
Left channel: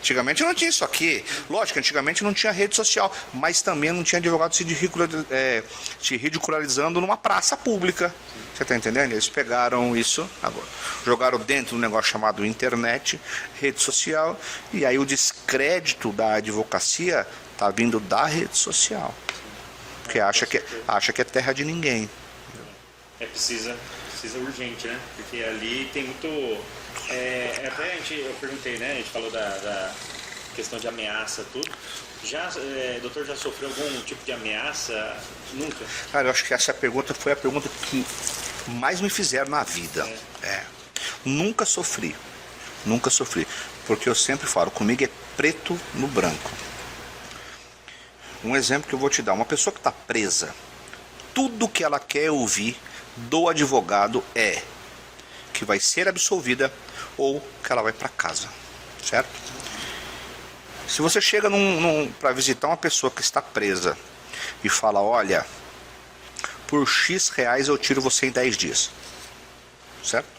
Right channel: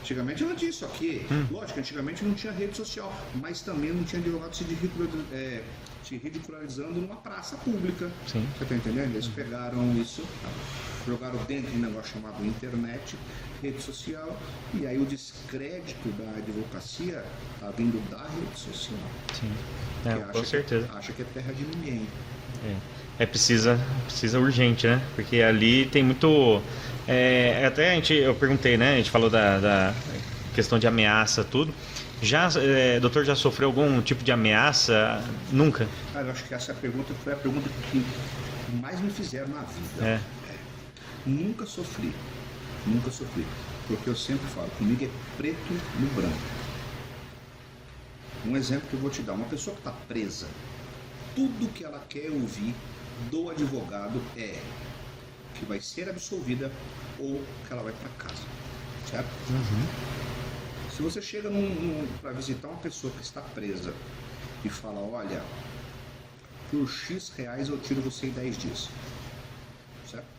antigamente não tinha isso aqui. Lógico, antigamente não tinha rede social, mas também não tinha advogado se ridicularizando numa praça pública. Sim. Você está entendendo? Eles pegaram isso, agora, jogaram dentro de um negócio chamado internet, rede social, e aí o descrédito da advocacia está vindo da rede social. Sim. Porque acha que é terra de ninguém. Precisa urgente, né? Porque ali tem muito... até eu perguntei, né? A gente falou da questão de ameaça, tudo. Doutor, já sofreu algum tipo de ameaça? Nunca? Cara, eu acho que essa pergunta foi a pergunta que mais me fizeram na vida. Nunca sofri. Porque eu sempre falo, comigo é preto no branco. Um exemplo que eu vou te dar. Uma pessoa que está presa, tudo que ela quer ouvir do advogado é que vai ser absolvida ou que ela vai para casa, certo? Se você chega para visitar uma pessoa que está presa e fala, olha, por X reais eu tiro você em 10 dias, certo?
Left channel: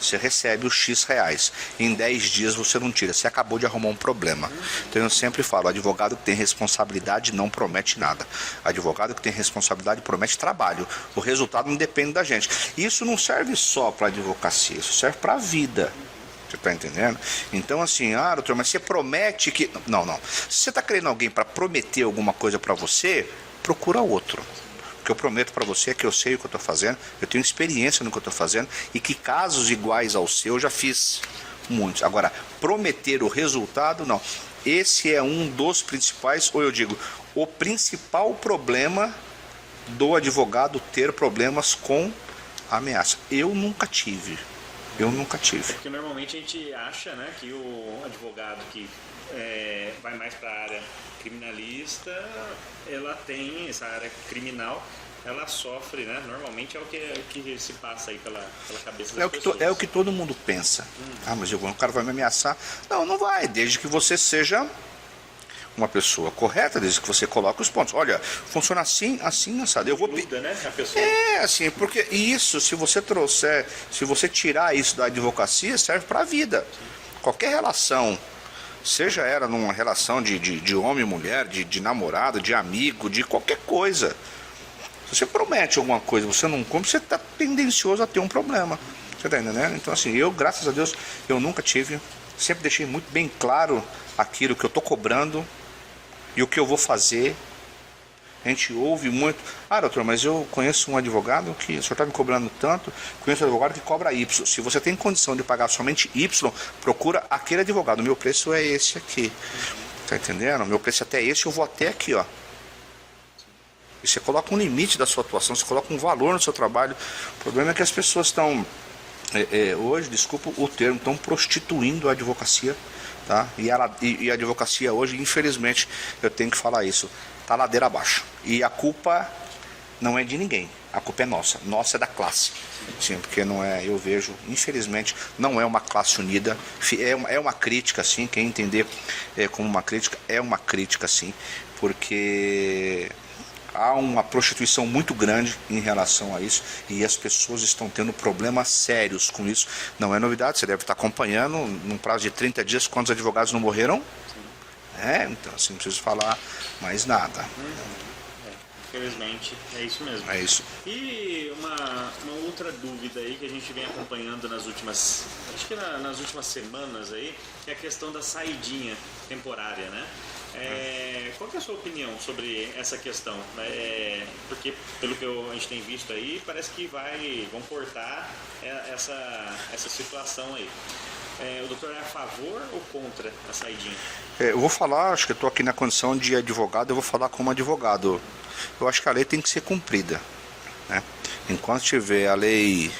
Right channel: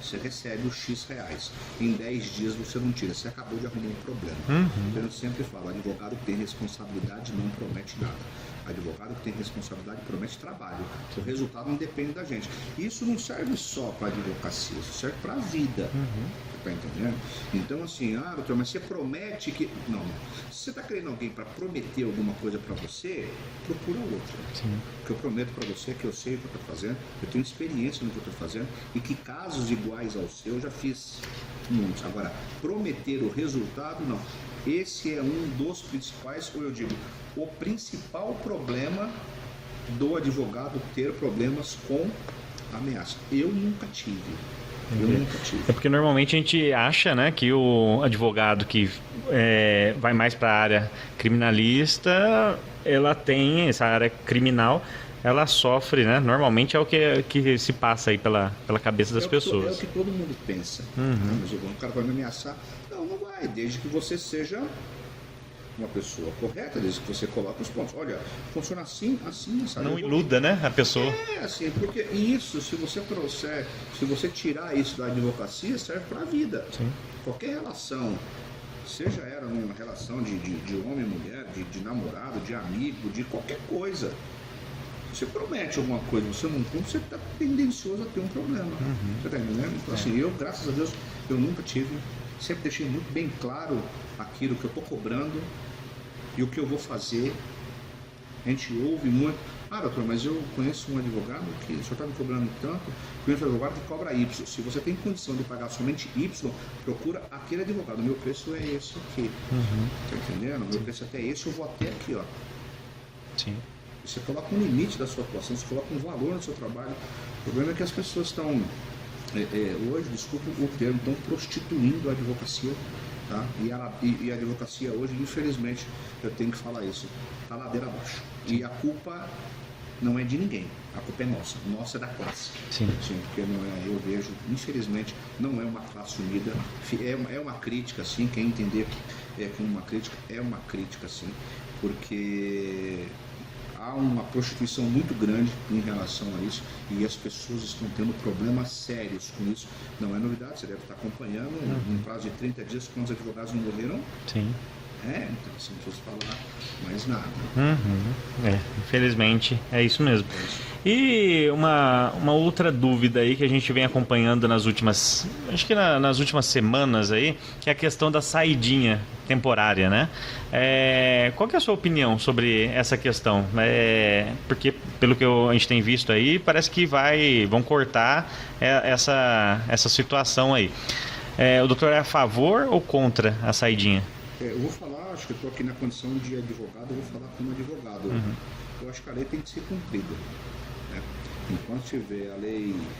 Você recebe os X reais, em 10 dias você não tira, você acabou de arrumar um problema. Então eu sempre falo, advogado que tem responsabilidade não promete nada. Advogado que tem responsabilidade promete trabalho. O resultado não depende da gente. Isso não serve só para advocacia, isso serve para a vida. Você está entendendo? Então assim, doutor, mas você promete que... Não. Se você está querendo alguém para prometer alguma coisa para você, procura outro. Sim. O que eu prometo para você é que eu sei o que eu estou fazendo, eu tenho experiência no que eu estou fazendo e que casos iguais ao seu eu já fiz muitos. Agora, prometer o resultado, não. Esse é um dos principais, ou eu digo, o principal problema do advogado ter problemas com ameaça. Eu nunca tive. É porque normalmente a gente acha, né, que o advogado que vai mais para a área criminalista, ela tem essa área criminal, ela sofre, né? Normalmente é o que se passa aí pela cabeça das pessoas. É o que todo mundo pensa. Mas o cara vai me ameaçar. Não vai, desde que você seja uma pessoa correta, desde que você coloque os pontos. Olha, funciona assim, assado. Não iluda, né, a pessoa. Assim, porque isso, se você tirar isso da advocacia, serve para a vida. Sim. Qualquer relação, seja ela numa relação de homem e mulher, de namorado, de amigo, de qualquer coisa. Se você promete alguma coisa, você não cumpre, você está tendencioso a ter um problema. Você está entendendo? Então, assim, eu, graças a Deus, eu nunca tive. Sempre deixei muito bem claro aquilo que eu estou cobrando e o que eu vou fazer A gente ouve muito, doutor, mas eu conheço um advogado que o senhor está me cobrando tanto, conheço um advogado que cobra Y. Se você tem condição de pagar somente Y, procura aquele advogado. O meu preço é esse aqui. Tá entendendo? O meu preço é até esse, eu vou até aqui, ó. Sim. E você coloca um limite da sua atuação, você coloca um valor no seu trabalho. O problema é que as pessoas estão, hoje, desculpa o termo, estão prostituindo a advocacia. Tá? E a advocacia hoje, infelizmente, eu tenho que falar isso, está ladeira abaixo. E a culpa não é de ninguém, a culpa é nossa é da classe. Sim, porque não é, eu vejo, infelizmente, não é uma classe unida, é uma crítica, sim, quem entender como uma crítica, é uma crítica, sim, porque há uma prostituição muito grande em relação a isso e as pessoas estão tendo problemas sérios com isso. Não é novidade, você deve estar acompanhando, num prazo de 30 dias, quantos advogados não morreram? Sim. Então, assim, não preciso falar mais nada. Infelizmente, é isso mesmo. É isso. E uma outra dúvida aí que a gente vem acompanhando nas últimas, acho que nas últimas semanas aí, que é a questão da saidinha temporária, né? Qual que é a sua opinião sobre essa questão? Porque, pelo que a gente tem visto aí, parece que vão cortar essa situação aí. O doutor é a favor ou contra a saidinha? Eu vou falar, acho que eu estou aqui na condição de advogado, eu vou falar como advogado. Eu acho que a lei tem que ser cumprida, né? Enquanto tiver a lei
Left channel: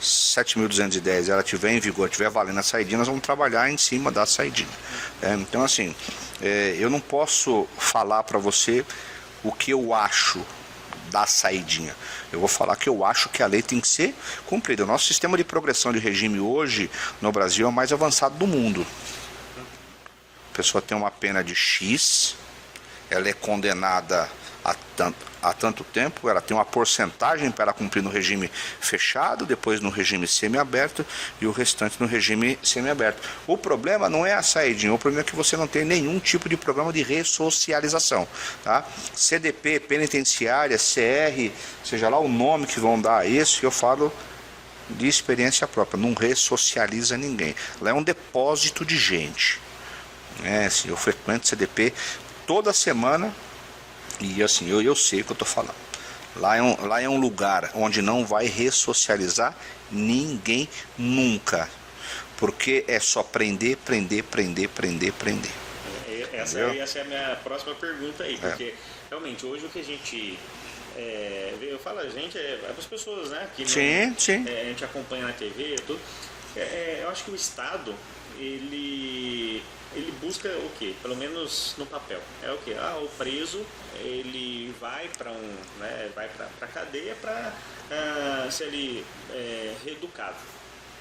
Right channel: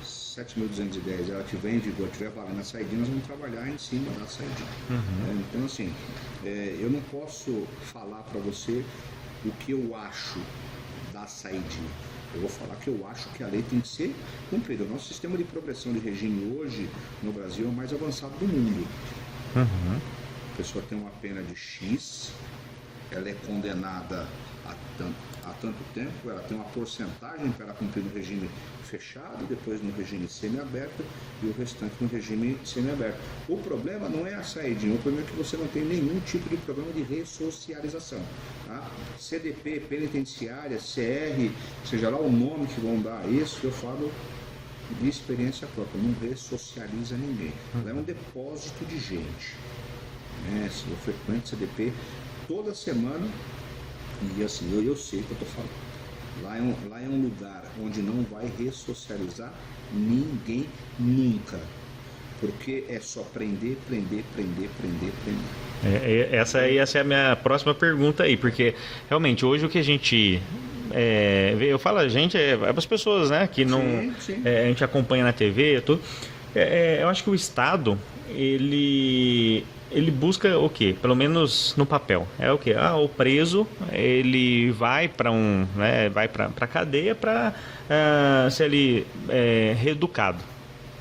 7.210, ela estiver em vigor, estiver valendo a saidinha, nós vamos trabalhar em cima da saidinha. Então, assim, eu não posso falar para você o que eu acho da saidinha. Eu vou falar que eu acho que a lei tem que ser cumprida. O nosso sistema de progressão de regime hoje no Brasil é o mais avançado do mundo. A pessoa tem uma pena de X, ela é condenada a tanto tempo, ela tem uma porcentagem para ela cumprir no regime fechado, depois no regime semiaberto e o restante no regime semiaberto. O problema não é a saidinha, o problema é que você não tem nenhum tipo de programa de ressocialização. Tá? CDP, penitenciária, CR, seja lá o nome que vão dar a isso, eu falo de experiência própria, não ressocializa ninguém. Lá é um depósito de gente. Assim, eu frequento CDP toda semana e assim, eu sei o que eu estou falando. Lá é um lugar onde não vai ressocializar ninguém nunca, porque é só prender. Essa é a minha próxima pergunta aí, porque realmente hoje o que a gente eu falo a gente, as pessoas, né, que não, sim. A gente acompanha na TV, tudo. Eu acho que o Estado ele busca o quê? Pelo menos no papel. É o quê? O preso, ele vai para vai para cadeia para ser ali reeducado,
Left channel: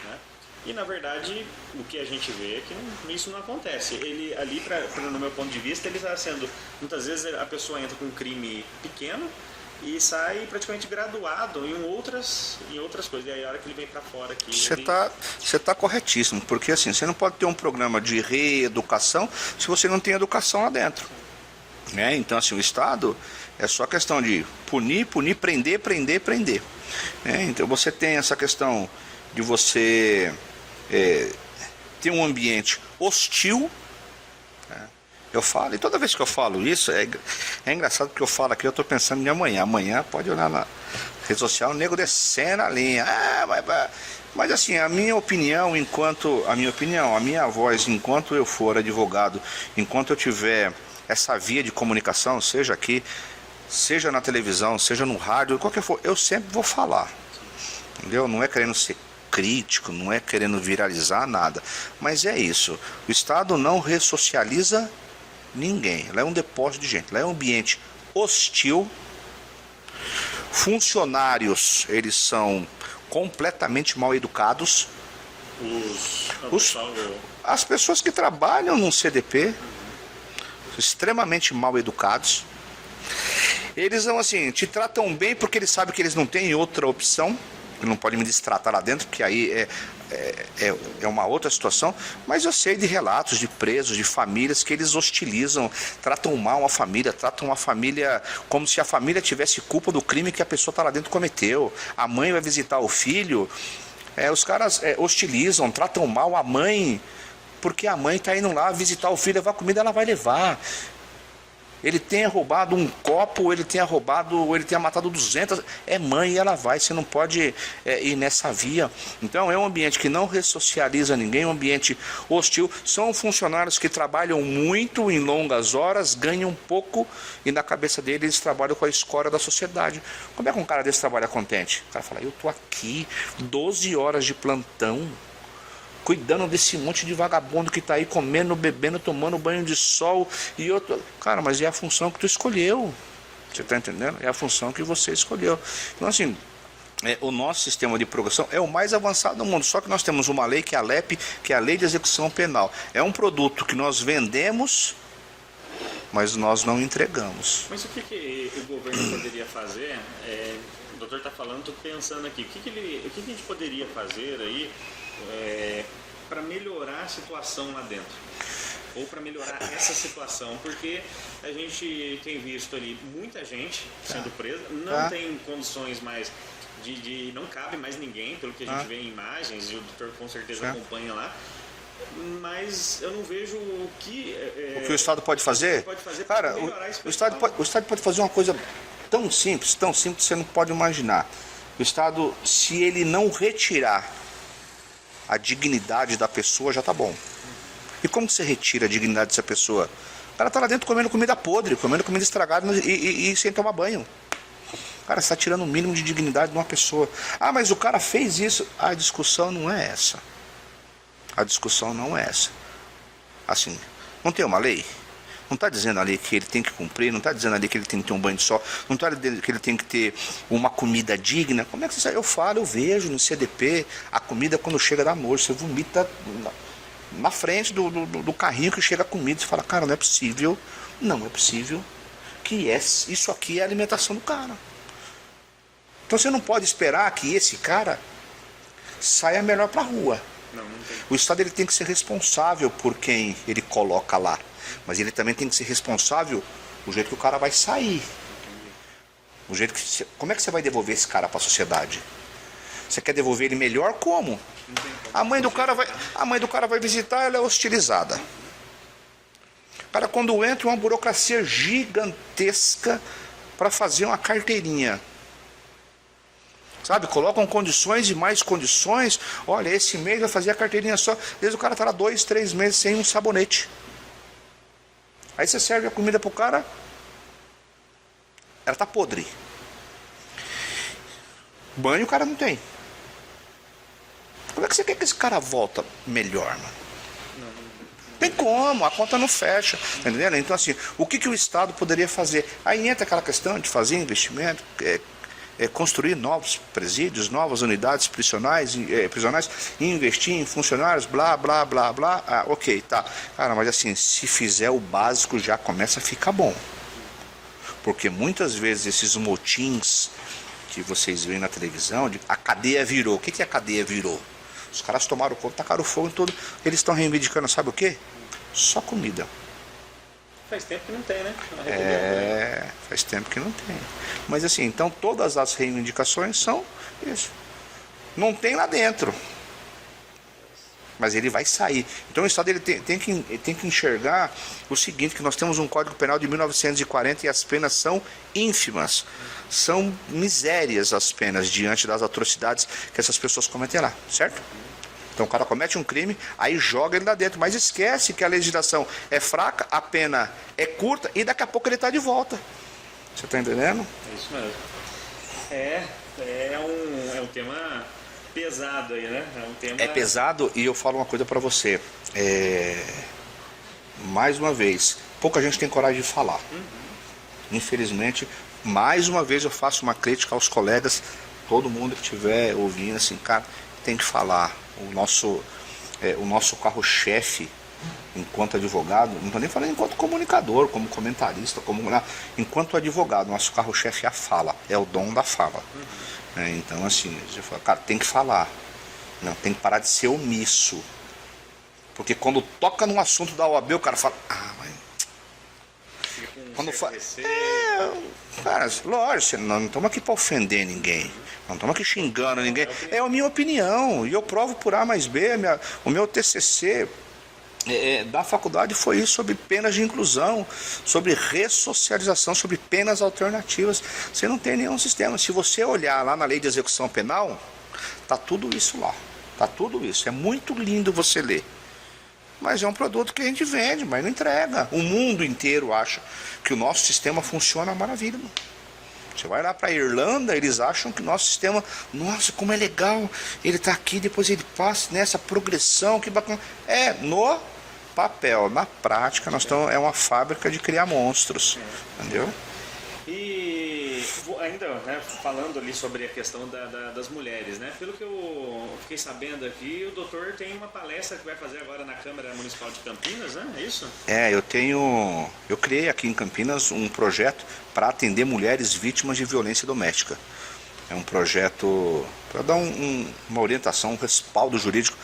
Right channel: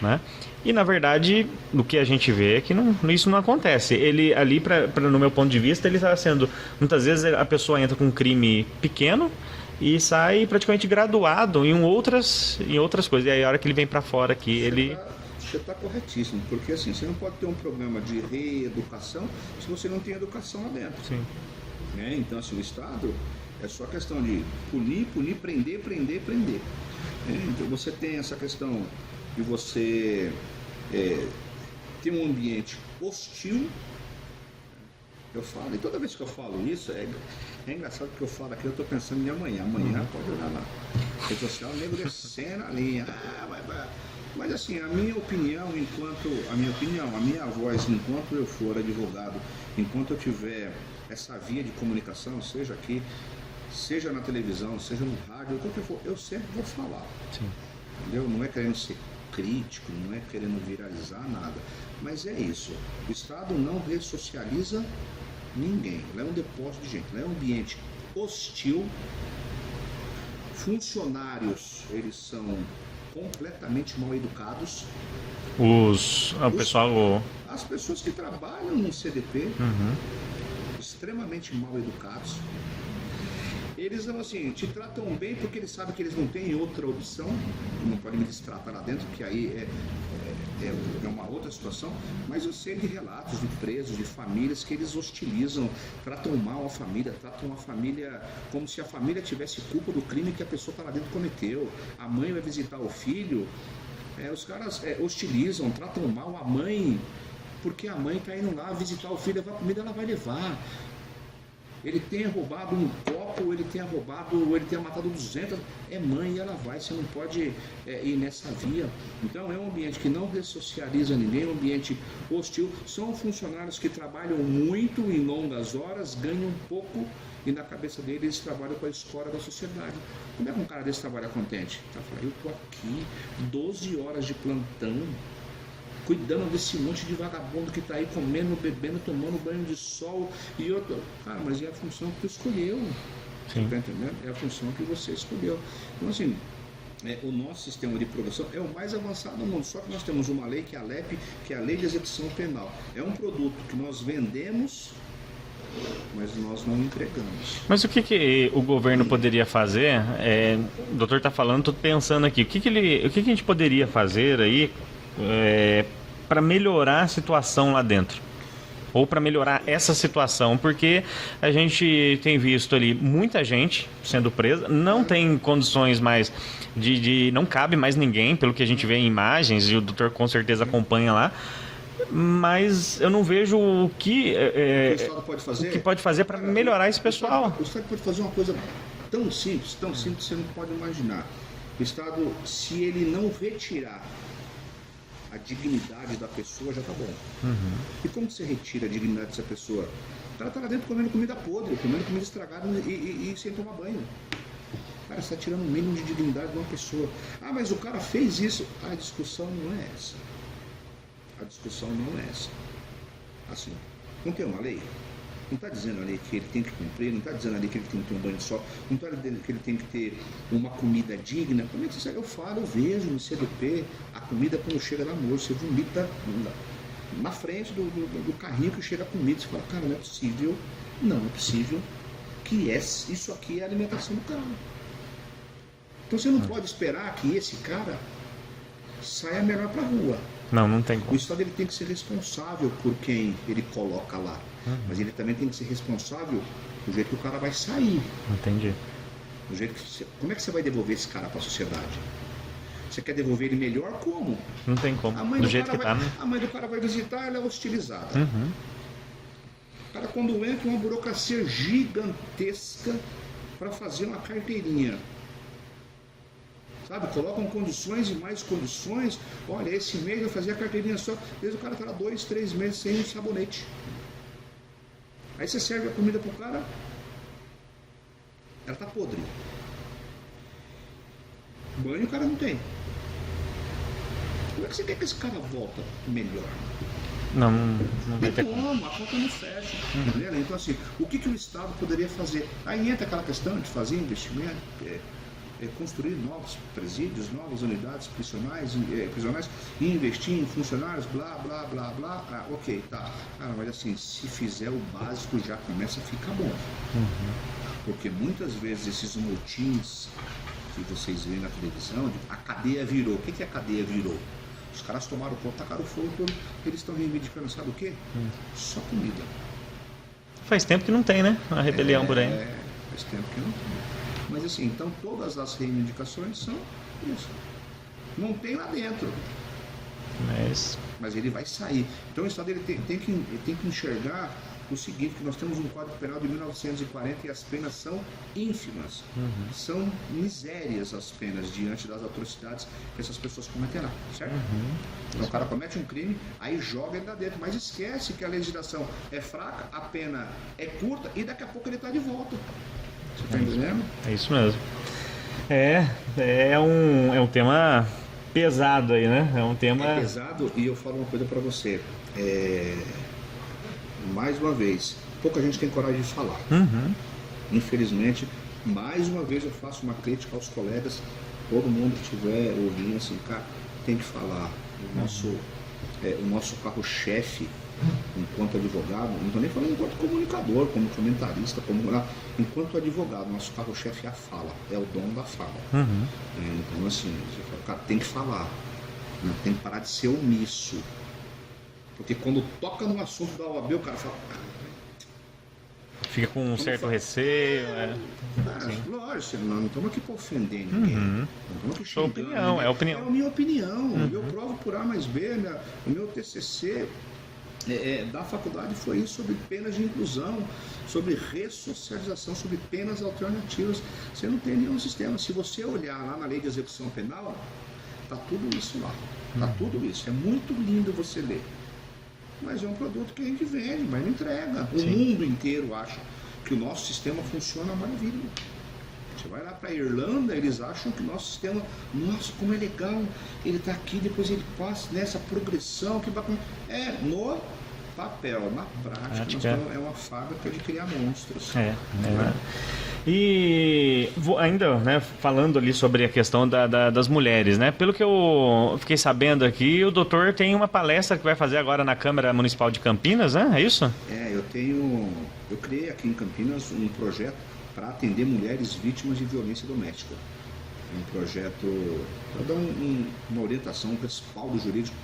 né? E na verdade, o que a gente vê é que isso não acontece. Ele ali, no meu ponto de vista, ele está sendo, muitas vezes a pessoa entra com um crime pequeno e sai praticamente graduado em outras coisas. E aí a hora que ele vem para fora aqui, Você está corretíssimo, porque assim, você não pode ter um programa de reeducação se você não tem educação lá dentro. Então assim, o Estado é só questão de punir, prender. Então você tem essa questão de você ter um ambiente hostil. Eu falo, e toda vez que eu falo isso, é engraçado porque eu falo aqui, eu estou pensando em amanhã. Amanhã pode olhar na rede social, o nego descendo a linha. Mas assim, a minha voz, enquanto eu for advogado, enquanto eu tiver essa via de comunicação, seja aqui, seja na televisão, seja no rádio, qualquer for, eu sempre vou falar. Entendeu? Não é querendo ser crítico, não é querendo viralizar nada. Mas é isso. O Estado não ressocializa ninguém. Lá é um depósito de gente. Lá é um ambiente hostil. Funcionários, eles são completamente mal educados. As pessoas que trabalham no CDP, extremamente mal educados. Eles não, assim, te tratam bem porque eles sabem que eles não têm outra opção. Não pode me destratar lá dentro, porque aí é uma outra situação. Mas eu sei de relatos de presos, de famílias que eles hostilizam, tratam mal uma família, tratam a família como se a família tivesse culpa do crime que a pessoa está lá dentro cometeu. A mãe vai visitar o filho, os caras hostilizam, tratam mal a mãe, porque a mãe está indo lá visitar o filho, levar comida, ela vai levar. ele tenha roubado um copo, ou ele tenha matado 200, é mãe e ela vai, você não pode ir nessa via. Então é um ambiente que não ressocializa ninguém, é um ambiente hostil, são funcionários que trabalham muito em longas horas, ganham pouco e na cabeça deles eles trabalham com a escória da sociedade. Como é que um cara desse trabalha contente? O cara fala, eu tô aqui 12 horas de plantão, cuidando desse monte de vagabundo que está aí comendo, bebendo, tomando banho de sol e outro. Cara, mas é a função que tu escolheu. Você está entendendo? É a função que você escolheu. Então, assim, o nosso sistema de progressão é o mais avançado do mundo. Só que nós temos uma lei que é a LEP, que é a Lei de Execução Penal. É um produto que nós vendemos, mas nós não entregamos. Mas o que o governo poderia fazer? O doutor está falando, estou pensando aqui. O que a gente poderia fazer aí para melhorar a situação lá dentro? Ou para melhorar essa situação? Porque a gente tem visto ali muita gente sendo presa, não tem condições mais não cabe mais ninguém, pelo que a gente vê em imagens, e o doutor com certeza acompanha lá. Mas eu não vejo o que o Estado pode fazer? O que pode fazer para melhorar esse pessoal. O Estado pode fazer uma coisa tão simples que você não pode imaginar. O Estado, se ele não retirar a dignidade da pessoa, já está bom. E como que você retira a dignidade dessa pessoa? O cara está lá dentro comendo comida podre, comendo comida estragada e sem tomar banho. Cara, você está tirando o mínimo de dignidade de uma pessoa. Ah, mas o cara fez isso. A discussão não é essa. A discussão não é essa. Assim, não tem uma lei? Não está dizendo ali que ele tem que cumprir, não está dizendo ali que ele tem que ter um banho de sol, não está dizendo que ele tem que ter uma comida digna. Como é que você sabe? Eu falo, eu vejo no CDP, a comida quando chega da noite, você vomita na frente do carrinho que chega a comida. Você fala, cara, não é possível que isso aqui é a alimentação do cara. Então você não pode esperar que esse cara saia melhor para a rua. Não tem. O Estado ele tem que ser responsável por quem ele coloca lá. Mas ele também tem que ser responsável do jeito que o cara vai sair. Entendi. Como é que você vai devolver esse cara para a sociedade? Você quer devolver ele melhor como? Não tem como. A mãe do cara vai visitar, ela é hostilizada. Cara, quando entra uma burocracia gigantesca para fazer uma carteirinha. Sabe, colocam condições e mais condições. Olha, esse mês vai fazer a carteirinha só. Às vezes o cara está lá 2, 3 meses sem um sabonete. Aí você serve a comida pro cara, ela tá podre. Banho o cara não tem. Como é que você quer que esse cara volta melhor, mano? Não tem como, a conta não fecha, entendeu? Então assim, o que o Estado poderia fazer? Aí entra aquela questão de fazer investimento, construir novos presídios, novas unidades prisionais, e investir em funcionários, blá, blá, blá, blá. Ah, ok, tá. Cara, mas assim, se fizer o básico já começa a ficar bom. Porque muitas vezes esses motins que vocês veem na televisão, a cadeia virou. O que a cadeia virou? Os caras tomaram conta, tacaram fogo em tudo. Eles estão reivindicando, sabe o quê? Só comida. Faz tempo que não tem, né? A rebelião por aí. Faz tempo que não tem. Mas assim, então todas as reivindicações são isso. Não tem lá dentro. Mas ele vai sair. Então o Estado ele tem que enxergar o seguinte, que nós temos um Código Penal de 1940 e as penas são ínfimas. São misérias as penas diante das atrocidades que essas pessoas cometem lá, certo? Então o cara comete um crime, aí joga ele lá dentro, mas esquece que a legislação é fraca, a pena é curta e daqui a pouco ele está de volta. Você está entendendo? É isso mesmo. É um tema pesado aí, né? É um tema... É pesado e eu falo uma coisa para você. Mais uma vez, pouca gente tem coragem de falar. Infelizmente, mais uma vez eu faço uma crítica aos colegas, todo mundo que estiver ouvindo, assim, cara, tem que falar. O nosso carro-chefe, enquanto advogado, não estou nem falando enquanto comunicador, como comentarista, enquanto advogado, nosso carro-chefe é a fala, é o dom da fala. Então, assim, você fala, cara, tem que falar, não, tem que parar de ser omisso, porque quando toca num assunto da OAB, o cara fala, fica com um certo receio. Cara, lógico, não estamos aqui para ofender ninguém. Não estamos aqui xingando ninguém. É a minha opinião. E eu provo por A mais B. O meu TCC da faculdade foi isso, sobre penas de inclusão, sobre ressocialização, sobre penas alternativas. Você não tem nenhum sistema. Se você olhar lá na lei de execução penal, tá tudo isso lá. Tá tudo isso. É muito lindo você ler. Mas é um produto que a gente vende, mas não entrega. O mundo inteiro acha que o nosso sistema funciona maravilha. Você vai lá para a Irlanda, eles acham que o nosso sistema, nossa, como é legal, ele está aqui, depois ele passa nessa progressão, que bacana. No papel, na prática, nós estamos, é uma fábrica de criar monstros. Entendeu? E ainda, né, falando ali sobre a questão das mulheres, né? Pelo que eu fiquei sabendo aqui, o doutor tem uma palestra que vai fazer agora na Câmara Municipal de Campinas, né? É isso? Eu criei aqui em Campinas um projeto para atender mulheres vítimas de violência doméstica. É um projeto para dar uma orientação, um respaldo jurídico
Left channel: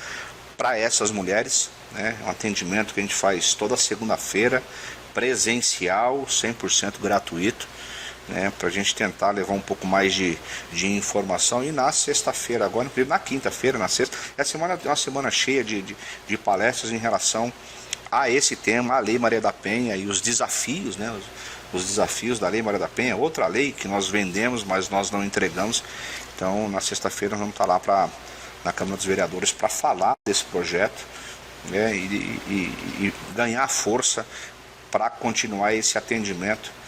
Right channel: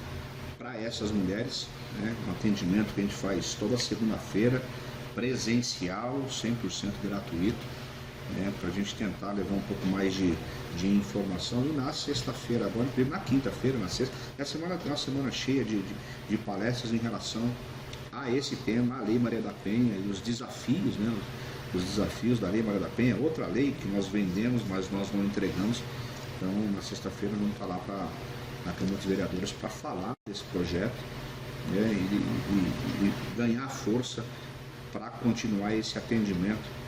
para essas mulheres, né? Um atendimento que a gente faz toda segunda-feira, presencial, 100% gratuito, né, para a gente tentar levar um pouco mais de informação. E na sexta-feira, agora, na quinta-feira, na sexta, a semana é uma semana cheia de palestras em relação a esse tema, a Lei Maria da Penha e os desafios, né, os desafios da Lei Maria da Penha, outra lei que nós vendemos, mas nós não entregamos. Então, na sexta-feira, nós vamos estar lá na Câmara dos Vereadores para falar desse projeto, né, e ganhar força para continuar esse atendimento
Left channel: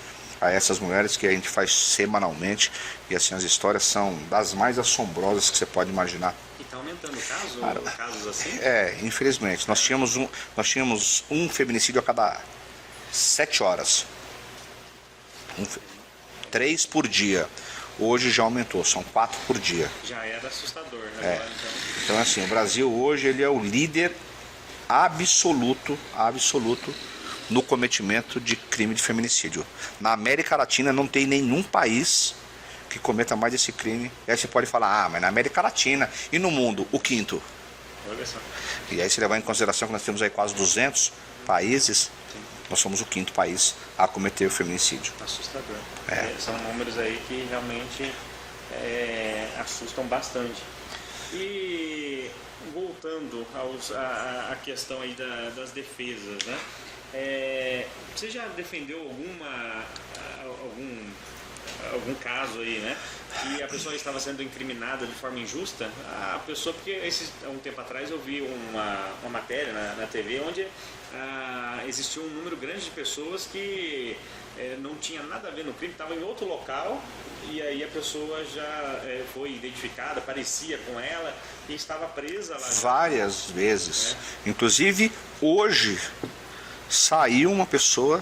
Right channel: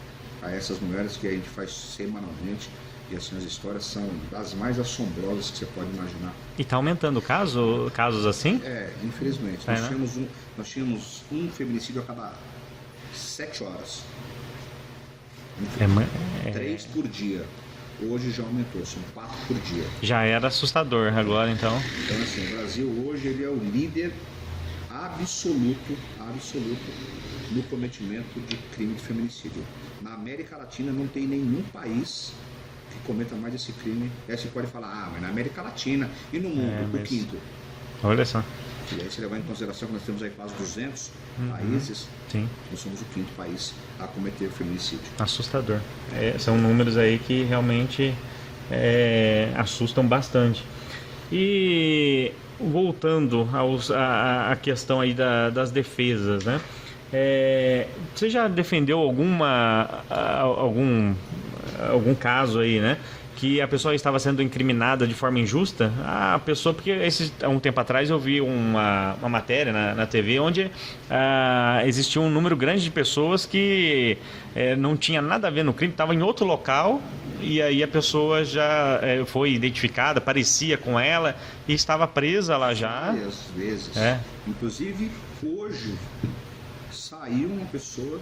a essas mulheres que a gente faz semanalmente. E assim, as histórias são das mais assombrosas que você pode imaginar. E está aumentando casos assim? Infelizmente. Nós tínhamos um feminicídio a cada 7 horas. 3 por dia. Hoje já aumentou, são 4 por dia. Já era assustador agora, então. Então, assim, o Brasil hoje ele é o líder absoluto no cometimento de crime de feminicídio. Na América Latina não tem nenhum país que cometa mais esse crime. E aí você pode falar, mas na América Latina e no mundo, o quinto. Olha só. E aí se levar em consideração que nós temos aí quase 200 países, sim, nós somos o quinto país a cometer o feminicídio. Assustador. São números aí que realmente assustam bastante. E voltando à questão aí das defesas, né? Você já defendeu algum caso aí, né? Que a pessoa estava sendo incriminada de forma injusta? A pessoa, porque há um tempo atrás eu vi uma matéria na TV onde existia um número grande de pessoas que não tinha nada a ver no crime, estava em outro local e aí a pessoa já foi identificada, parecia com ela e estava presa lá já. Várias vezes. Inclusive, hoje saiu uma pessoa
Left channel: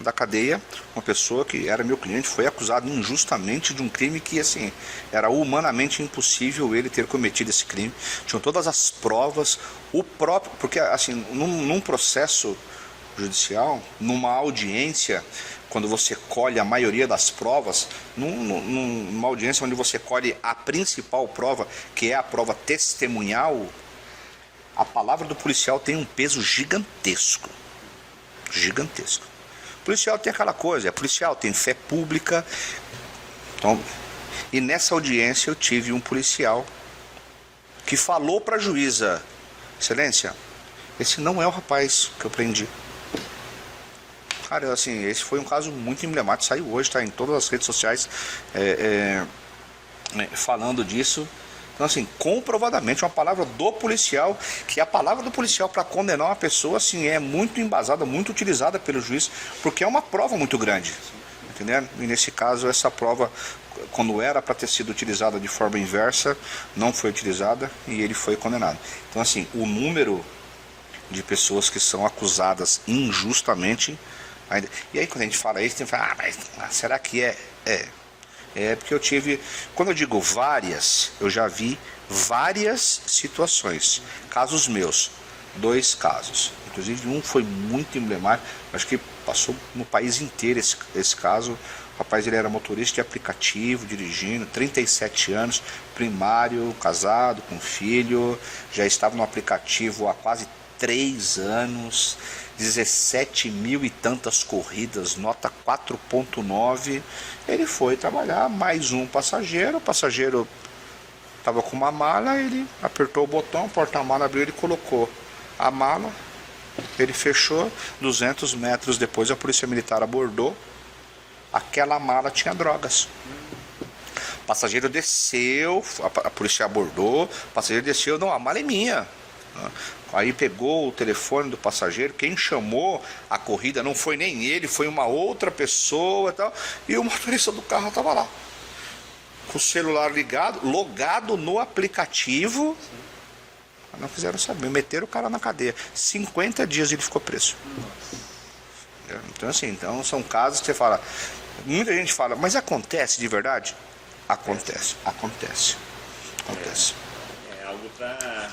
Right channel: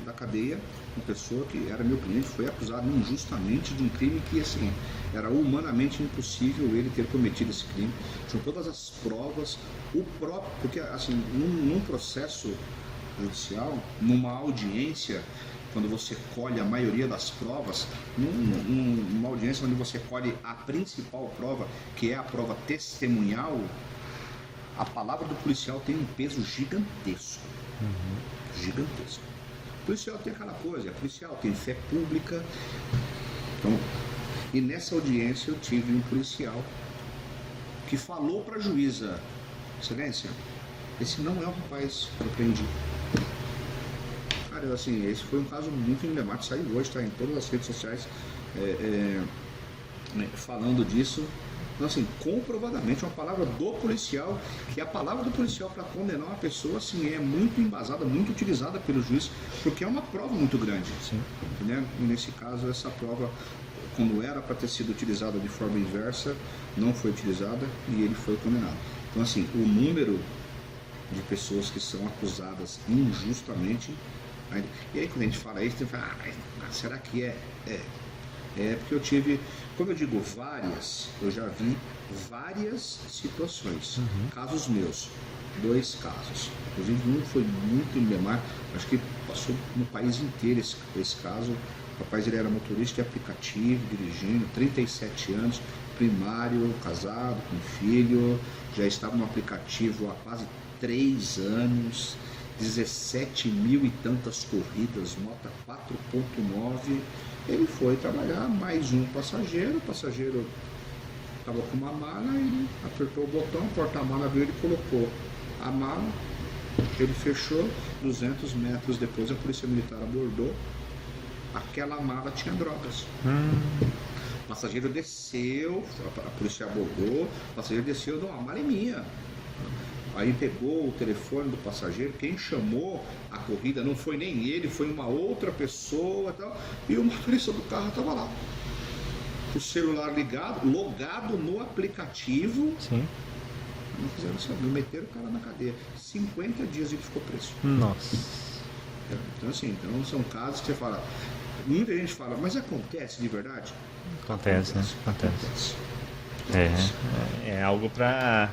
da cadeia, uma pessoa que era meu cliente, foi acusado injustamente de um crime que, assim, era humanamente impossível ele ter cometido esse crime. Tinham todas as provas, porque, assim, num processo judicial, numa audiência, quando você colhe a maioria das provas, numa audiência onde você colhe a principal prova, que é a prova testemunhal, a palavra do policial tem um peso gigantesco. Gigantesco. O policial tem aquela coisa, policial tem fé pública. Então, e nessa audiência eu tive um policial que falou para a juíza: Excelência, esse não é o rapaz que eu prendi. Cara, assim, esse foi um caso muito emblemático, saiu hoje, está em todas as redes sociais falando disso. Então, assim, comprovadamente, uma palavra do policial, que a palavra do policial para condenar uma pessoa, assim, é muito embasada, muito utilizada pelo juiz, porque é uma prova muito grande. Sim. Entendeu? E nesse caso, essa prova, quando era para ter sido utilizada de forma inversa, não foi utilizada e ele foi condenado. Então, assim, o número de pessoas que são acusadas injustamente... E aí, quando a gente fala isso, tem que falar, mas será que é? Porque eu tive, quando eu digo várias, eu já vi várias situações, casos meus, 2 casos, inclusive um foi muito emblemático, acho que passou no país inteiro esse caso. O rapaz, ele era motorista de aplicativo, dirigindo, 37 anos, primário, casado, com filho, já estava no aplicativo há quase 3 anos, 17 mil e tantas corridas, nota 4.9, ele foi trabalhar, mais um passageiro, o passageiro estava com uma mala, ele apertou o botão, o porta-mala abriu, ele colocou a mala Ele fechou, 200 metros depois a polícia militar abordou. Aquela mala tinha drogas. O passageiro desceu, a polícia abordou, o passageiro desceu, não, a mala é minha. Aí pegou o telefone do passageiro, quem chamou a corrida não foi nem ele, foi uma outra pessoa e tal. E o motorista do carro estava lá, com o celular ligado, logado no aplicativo. Sim. Não quiseram saber, meteram o cara na cadeia. 50 dias ele ficou preso. Nossa. Então assim, então são casos que você fala, muita gente fala, mas acontece de verdade? Acontece. É algo para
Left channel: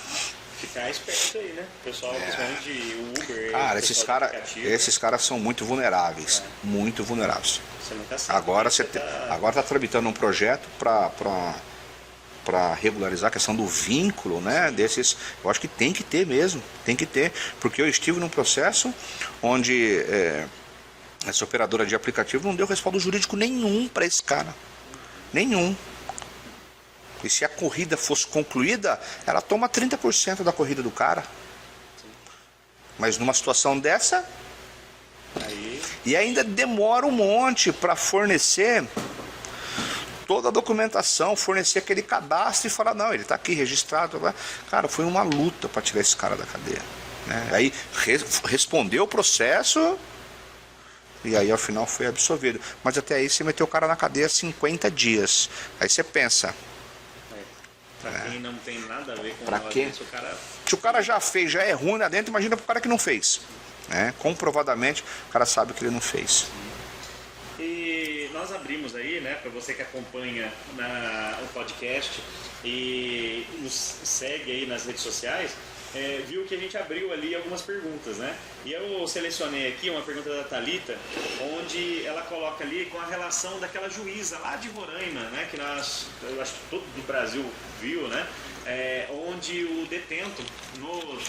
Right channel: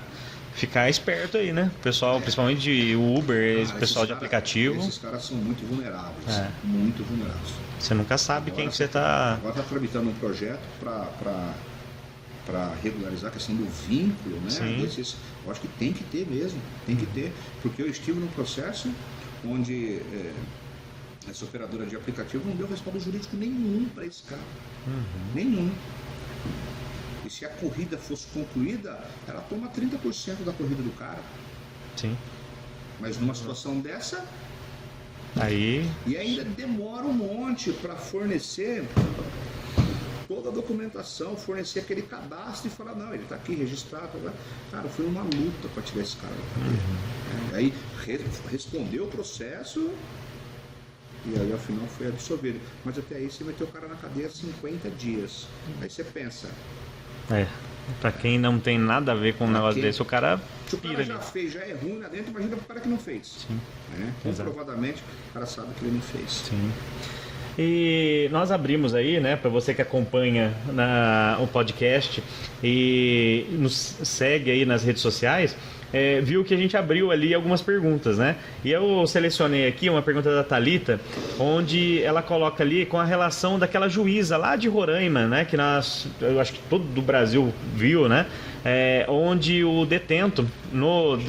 ficar esperto aí, né? O pessoal, principalmente de Uber, cara, pessoal de aplicativo. Esses caras são muito vulneráveis. Muito vulneráveis. Você nunca sabe Agora você tá... Agora está tramitando um projeto para regularizar a questão do vínculo, né? Desses, eu acho que tem que ter mesmo, tem que ter, porque eu estive num processo onde essa operadora de aplicativo não deu respaldo jurídico nenhum para esse cara, nenhum. E se a corrida fosse concluída, ela toma 30% da corrida do cara. Sim. Mas numa situação dessa, aí... E ainda demora um monte para fornecer toda a documentação, fornecer aquele cadastro e falar, não, ele está aqui registrado. Cara, foi uma luta para tirar esse cara da cadeia. Aí respondeu o processo e aí ao final foi absolvido. Mas até aí você meteu o cara na cadeia 50 dias. Aí você pensa... Pra quem não tem nada a ver com um negócio desse, o cara... Se o cara já fez, já é ruim lá dentro, imagina pro cara que não fez. Comprovadamente, o cara sabe que ele não fez. Sim. E nós abrimos aí, né, para você que acompanha o podcast e nos segue aí nas redes sociais, viu que a gente abriu ali algumas perguntas, né? E eu selecionei aqui uma pergunta da Thalita, onde ela coloca ali com a relação daquela juíza lá de Roraima, né? Que eu acho que todo o Brasil viu, né? Onde o detento,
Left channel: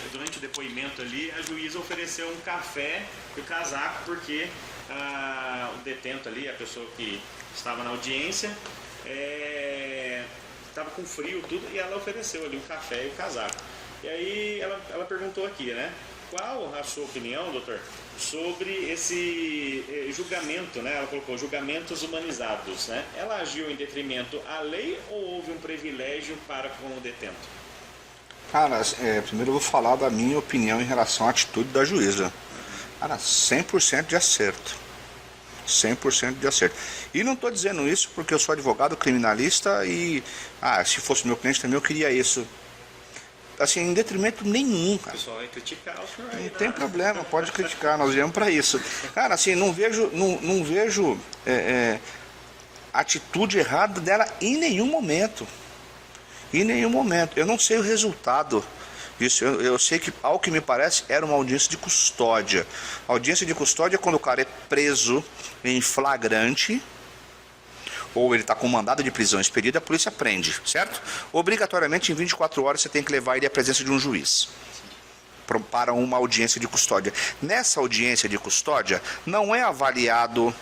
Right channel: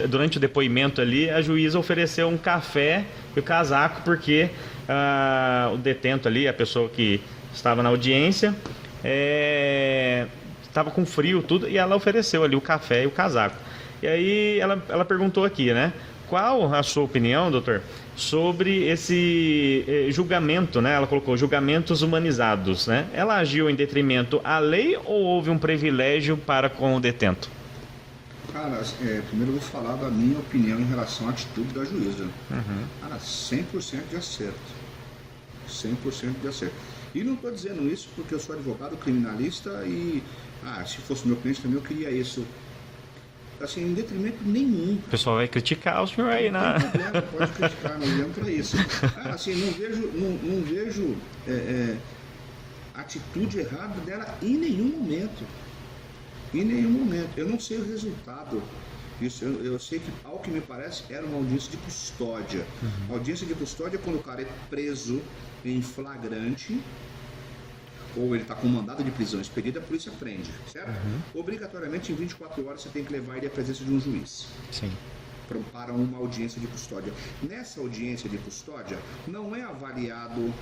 durante o depoimento ali, a juíza ofereceu um café e o casaco, porque o detento ali, a pessoa que estava na audiência, estava com frio, tudo, e ela ofereceu ali o café e o casaco. E aí ela perguntou aqui, né? Qual a sua opinião, doutor, sobre esse julgamento, né? Ela colocou julgamentos humanizados, né? Ela agiu em detrimento à lei ou houve um privilégio para com o detento? Cara, primeiro eu vou falar da minha opinião em relação à atitude da juíza. Cara, 100% de acerto. 100% de acerto. E não estou dizendo isso porque eu sou advogado criminalista e, se fosse meu cliente também eu queria isso. Assim, em detrimento nenhum. Cara. O pessoal vai criticar o senhor aí, né? Não tem problema, pode criticar, nós viemos para isso. Cara, assim, não vejo atitude errada dela em nenhum momento. Em nenhum momento. Eu não sei o resultado disso. Eu sei que, ao que me parece, era uma audiência de custódia. A audiência de custódia é quando o cara é preso em flagrante, ou ele está com mandado de prisão expedido, a polícia prende, certo? Obrigatoriamente, em 24 horas, você tem que levar ele à presença de um juiz. Sim. Para uma audiência de custódia. Nessa audiência de custódia, não é avaliado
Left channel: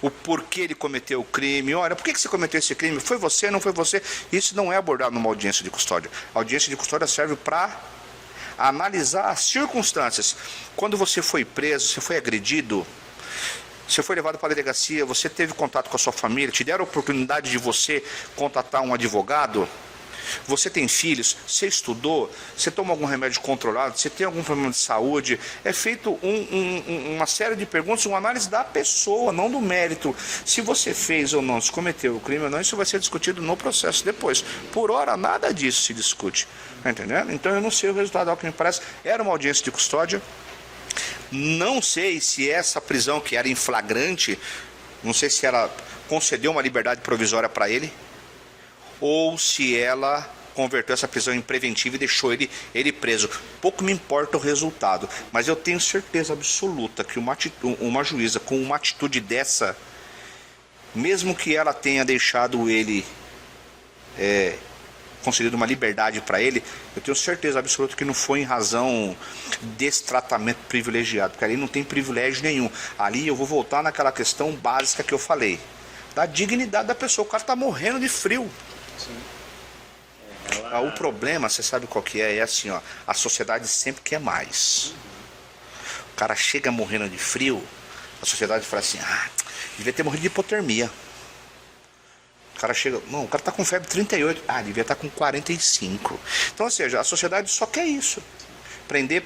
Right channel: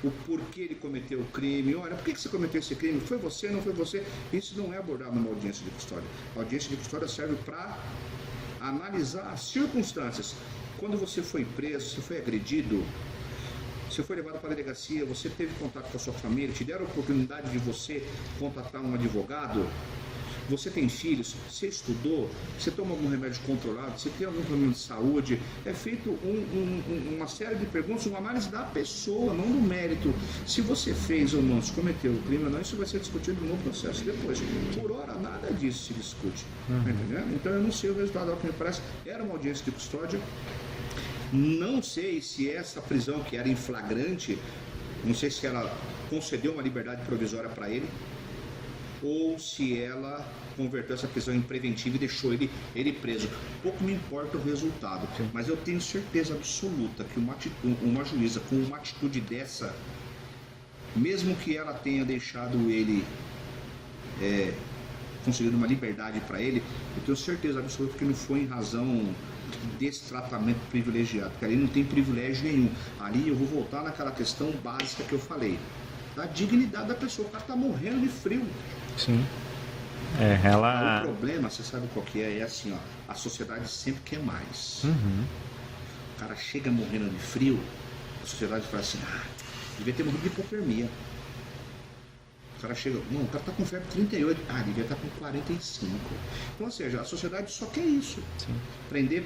o porquê ele cometeu o crime. Olha, por que você cometeu esse crime? Foi você, não foi você? Isso não é abordado numa audiência de custódia. A audiência de custódia serve para analisar as circunstâncias. Quando você foi preso, você foi agredido, você foi levado para a delegacia, você teve contato com a sua família, te deram a oportunidade de você contatar um advogado, você tem filhos, você estudou, você toma algum remédio controlado, você tem algum problema de saúde, é feito uma série de perguntas, uma análise da pessoa, não do mérito. Se você fez ou não, se cometeu o crime ou não, isso vai ser discutido no processo depois. Por hora, nada disso se discute, tá entendendo? Então eu não sei o resultado, ao que me parece, era uma audiência de custódia. Não sei se essa prisão que era em flagrante, não sei se ela concedeu uma liberdade provisória para ele, ou se ela converteu essa prisão em preventiva e deixou ele preso. Pouco me importa o resultado, mas eu tenho certeza absoluta que uma juíza com uma atitude dessa, mesmo que ela tenha deixado ele, concedido uma liberdade para ele, eu tenho certeza absoluta que não foi em razão desse tratamento privilegiado, porque ali não tem privilégio nenhum. Ali eu vou voltar naquela questão básica que eu falei, da dignidade da pessoa. O cara está morrendo de frio. Sim. O problema, você sabe qual que é? É assim, ó, a sociedade sempre quer mais. O cara chega morrendo de frio, a sociedade fala assim, devia ter morrido de hipotermia. O cara chega, não, o cara tá com febre 38, devia estar com 45. Então, ou seja, a sociedade só quer isso. Sim. Prender,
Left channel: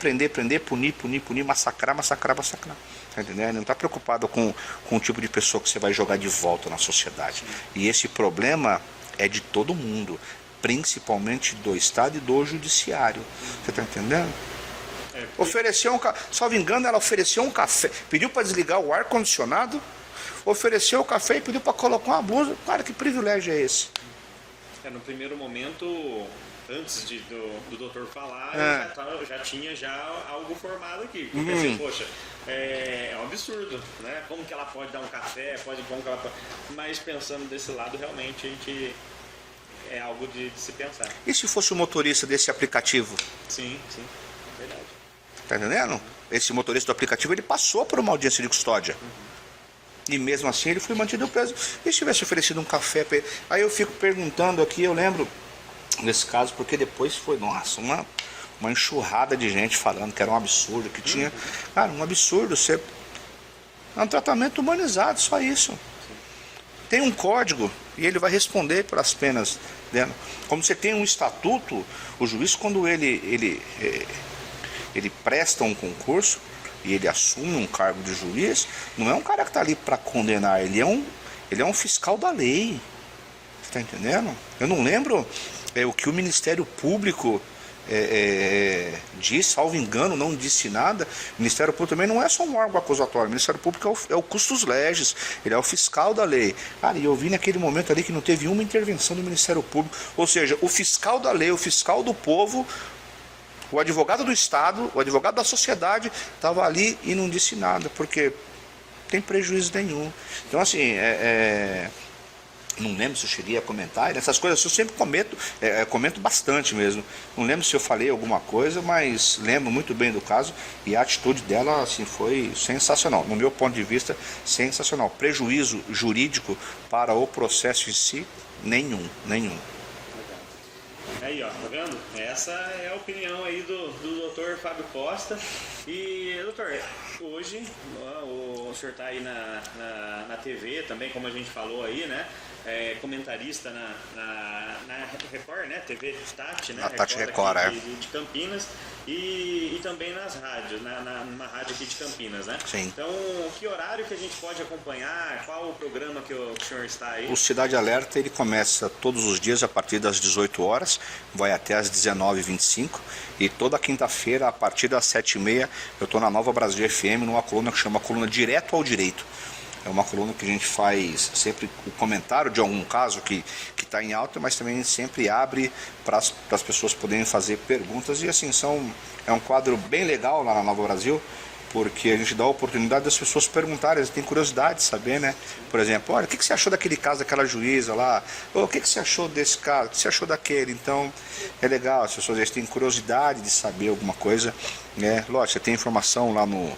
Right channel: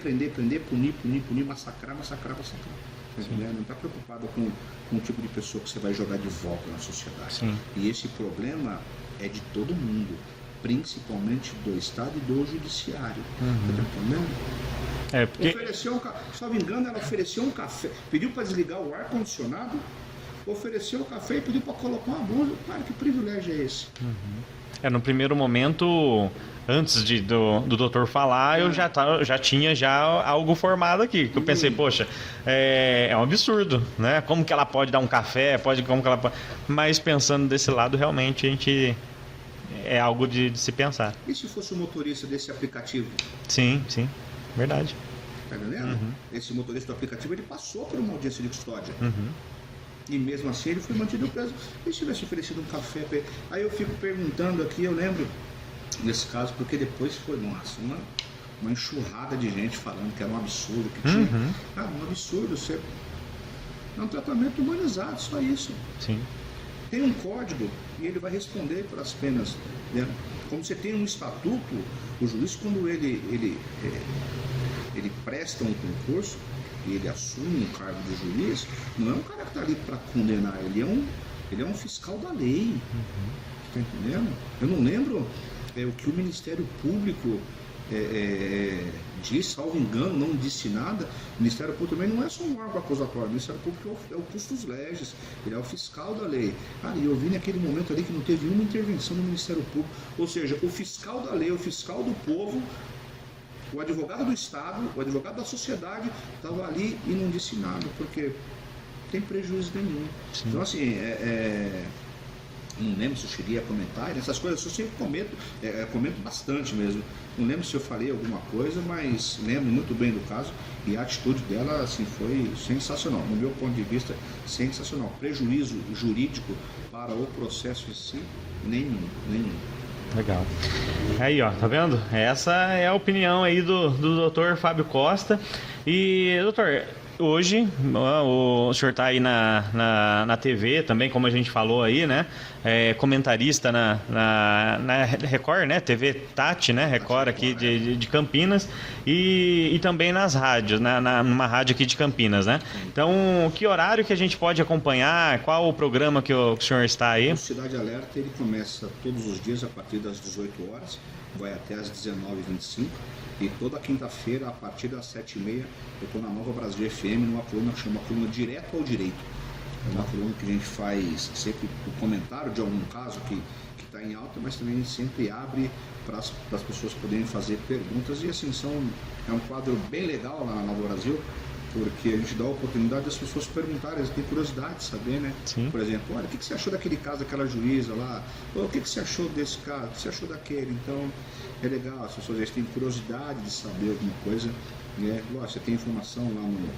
punir, massacrar. Tá entendendo? Não está preocupado com o tipo de pessoa que você vai jogar de volta na sociedade. Sim. E esse problema é de todo mundo, principalmente do Estado e do Judiciário. Você está entendendo? Porque... Ofereceu salvo engano, ela ofereceu um café, pediu para desligar o ar-condicionado, ofereceu o café e pediu para colocar uma blusa. Cara, que privilégio é esse? No primeiro momento, antes do doutor falar, eu já tinha algo formado aqui. Eu pensei, poxa, é um absurdo, né? Como que ela pode dar um café? Mas pensando desse lado, realmente, a gente... É algo de se pensar. E se fosse o motorista desse aplicativo? Sim, verdade. Tá entendendo? Esse motorista do aplicativo, ele passou por uma audiência de custódia. E mesmo assim ele foi mantido preso. E se tivesse oferecido um café para ele? Aí eu fico perguntando aqui, eu lembro nesse caso, porque depois foi, nossa, uma enxurrada de gente falando que era um absurdo, que tinha... Cara, um absurdo, é um tratamento humanizado, só isso. Sim. Tem um código e ele vai responder pelas penas, né? Como você tem um estatuto, o juiz, quando ele presta um concurso e ele assume um cargo de juiz, não é um cara que está ali para condenar, ele é um fiscal da lei. Você está entendendo? Eu não lembro o que o Ministério Público diz, salvo engano, não disse nada. O Ministério Público também não é só um órgão acusatório. O Ministério Público é o custos legis, ele é o fiscal da lei. E eu vi naquele momento ali que não teve uma intervenção do Ministério Público, ou seja, o fiscal da lei, o fiscal do povo, o advogado do Estado, o advogado da sociedade estava ali e não disse nada, porque não tem prejuízo nenhum. Então, assim, não lembro se eu cheguei a comentar, essas coisas eu sempre comento bastante mesmo. Não lembro se eu falei alguma coisa, mas lembro muito bem do caso e a atitude dela assim, foi sensacional. No meu ponto de vista, sensacional. Prejuízo jurídico para o processo em si, nenhum. Legal. Aí, ó, tá vendo? Essa é a opinião aí do Dr. Fábio Costa. E, doutor, hoje o senhor está aí na TV também, como a gente falou aí, né? Comentarista na Record, né? TV Tati, né? Record aqui de Campinas e também nas rádios, numa rádio aqui de Campinas, né? Sim. Então, que horário que a gente pode acompanhar? Qual o programa que o senhor está aí? O Cidade Alerta, ele começa todos os dias a partir das 18 horas, vai até às 19h25 e toda quinta-feira, a partir das 7h30, eu estou na Nova Brasil FM, numa coluna que chama Coluna Direto ao Direito. É uma coluna que a gente faz sempre o comentário de algum caso que está em alta, mas também sempre abre para as pessoas poderem fazer perguntas. E assim, é um quadro bem legal lá na Nova Brasil, porque a gente dá a oportunidade das pessoas perguntarem, eles têm curiosidade de saber, né? Sim. Por exemplo, olha, o que você achou daquele caso daquela juíza lá? O que você achou desse caso? O que você achou daquele? Então, é legal, as pessoas têm curiosidade de saber alguma coisa, né? Lógico, você tem informação lá no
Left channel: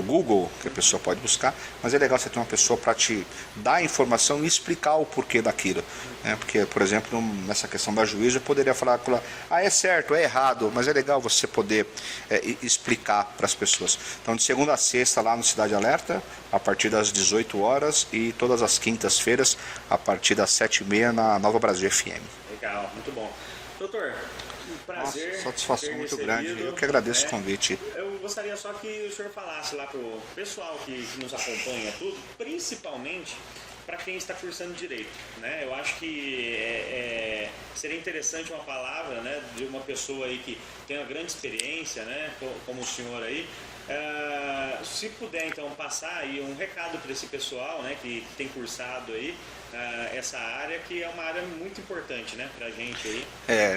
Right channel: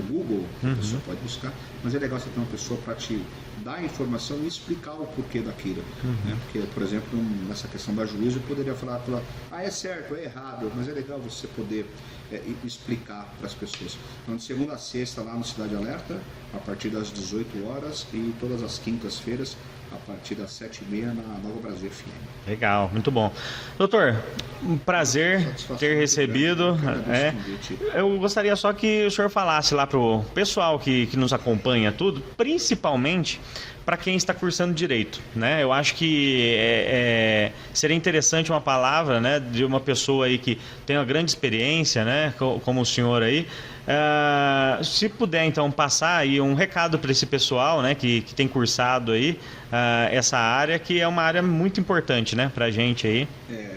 Google, que a pessoa pode buscar, mas é legal você ter uma pessoa para te dar a informação e explicar o porquê daquilo. Né? Porque, por exemplo, nessa questão da juíza, eu poderia falar, é certo, é errado, mas é legal você poder explicar para as pessoas. Então, de segunda a sexta, lá no Cidade Alerta, a partir das 18 horas e todas as quintas-feiras, a partir das 7h30, na Nova Brasil FM. Legal, muito bom. Doutor, um prazer ter recebido. Eu que agradeço o convite. Eu gostaria só que o senhor falasse lá para o pessoal que nos acompanha tudo, principalmente para quem está cursando Direito, né? Eu acho que seria interessante uma palavra, né, de uma pessoa aí que tem uma grande experiência, né, como o senhor aí. Se puder, então, passar aí um recado para esse pessoal, né, que tem cursado aí essa área, que é uma área muito importante, né, para a gente aí.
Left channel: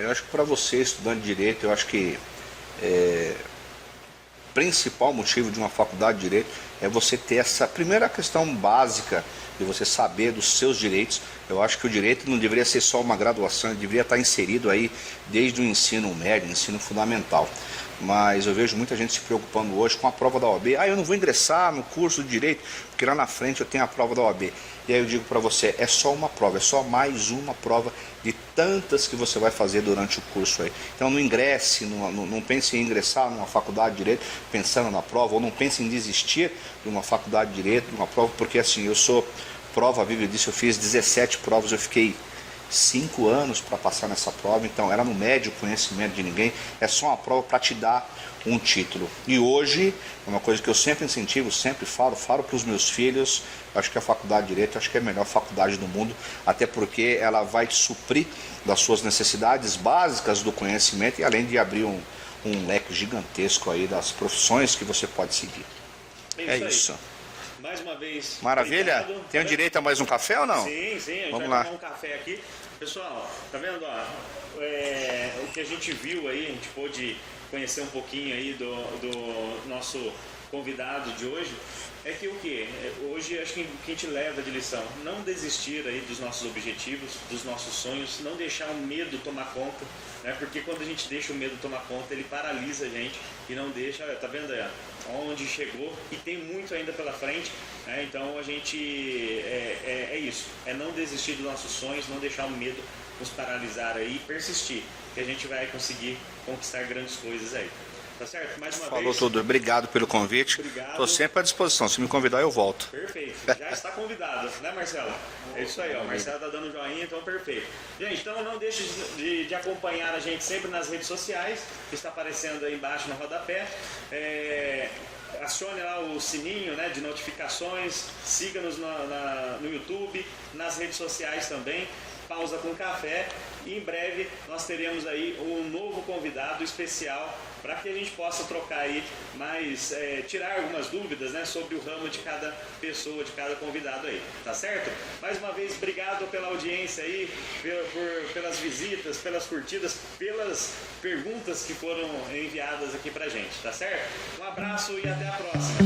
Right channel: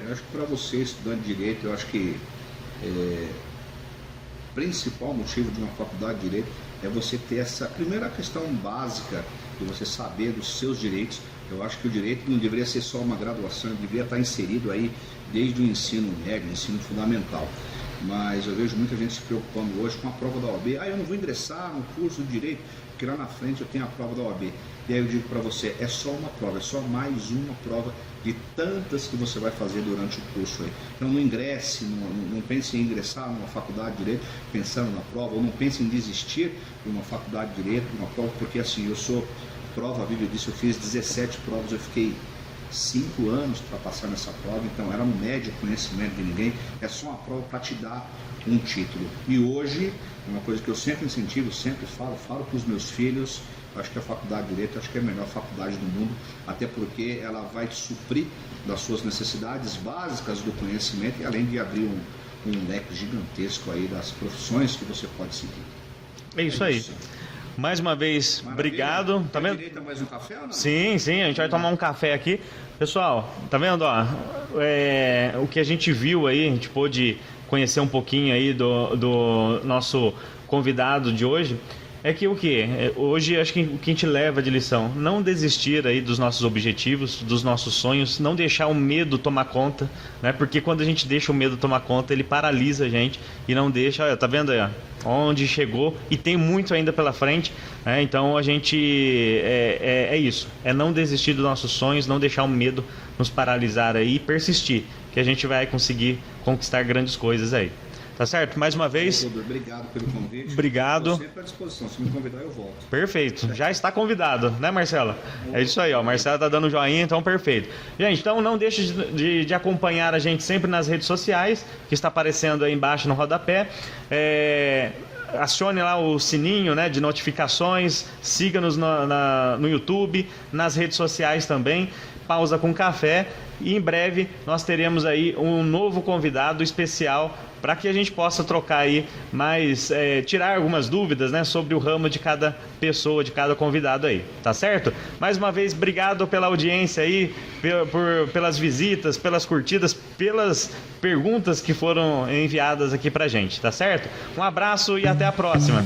Eu acho que para você, estudante de Direito, eu acho que o principal motivo de uma faculdade de Direito é você ter essa primeira questão básica de você saber dos seus direitos. Eu acho que o direito não deveria ser só uma graduação, ele deveria estar inserido aí desde o ensino médio, ensino fundamental. mas eu vejo muita gente se preocupando hoje com a prova da OAB. Eu não vou ingressar no curso de Direito, porque lá na frente eu tenho a prova da OAB. E aí eu digo para você, é só uma prova, é só mais uma prova de tantas que você vai fazer durante o curso aí. Então não ingresse, não pense em ingressar numa faculdade de Direito pensando na prova, ou não pense em desistir de uma faculdade de Direito, de uma prova, porque assim, eu sou prova viva disso, eu fiz 17 provas, eu fiquei 5 anos para passar nessa prova, então era no médio conhecimento de ninguém, é só uma prova para te dar um título. E hoje, é uma coisa que eu sempre incentivo, sempre falo para os meus filhos, acho que a faculdade de Direito, acho que é a melhor faculdade do mundo, até porque ela vai suprir das suas necessidades básicas do conhecimento e além de abrir um leque gigantesco aí das profissões que você pode seguir. É isso aí. Mais uma vez, maravilha. Obrigado. Tem direito a mais um café ou não? Sim, a gente vai tomar um café aqui. Pessoal, tá vendo? O que a gente viu aí, a gente pôde conhecer um pouquinho aí do nosso convidado de hoje. É que o que? Hoje acho que o que a gente leva de lição, não desistir aí dos nossos objetivos, dos nossos sonhos, não deixar o medo tomar conta, né? Porque quando a gente deixa o medo tomar conta, ele paralisa a gente e não deixa, olha, tá vendo aí, onde chegou e tem muito ainda pela frente, né? Então a gente, é isso, é não desistir dos nossos sonhos, não deixar o medo nos paralisar aí e persistir, que a gente vai conseguir conquistar grandes coisas aí. Tá certo? Mais uma vez. Tudo. Obrigado pelo convite. Obrigado. Estou sempre à disposição. Se me convidar, eu volto. Perfeito. Já está convidado, né, Marcela? É isso aí, ó. Marcela tá dando joinha, então perfeito. Gente, então não deixe de acompanhar a gente sempre nas redes sociais, que está aparecendo aí embaixo no rodapé. Acione lá o sininho, né, de notificações. Siga-nos no YouTube, nas redes sociais também. Pausa com Café. E em breve nós teremos aí um novo convidado especial para que a gente possa trocar aí mais, tirar algumas dúvidas, né, sobre o ramo de cada pessoa, de cada convidado aí, tá certo? Mais uma vez, obrigado pela audiência aí, pelas visitas, pelas curtidas, pelas perguntas que foram enviadas aqui pra gente, tá certo? Um abraço e até a próxima.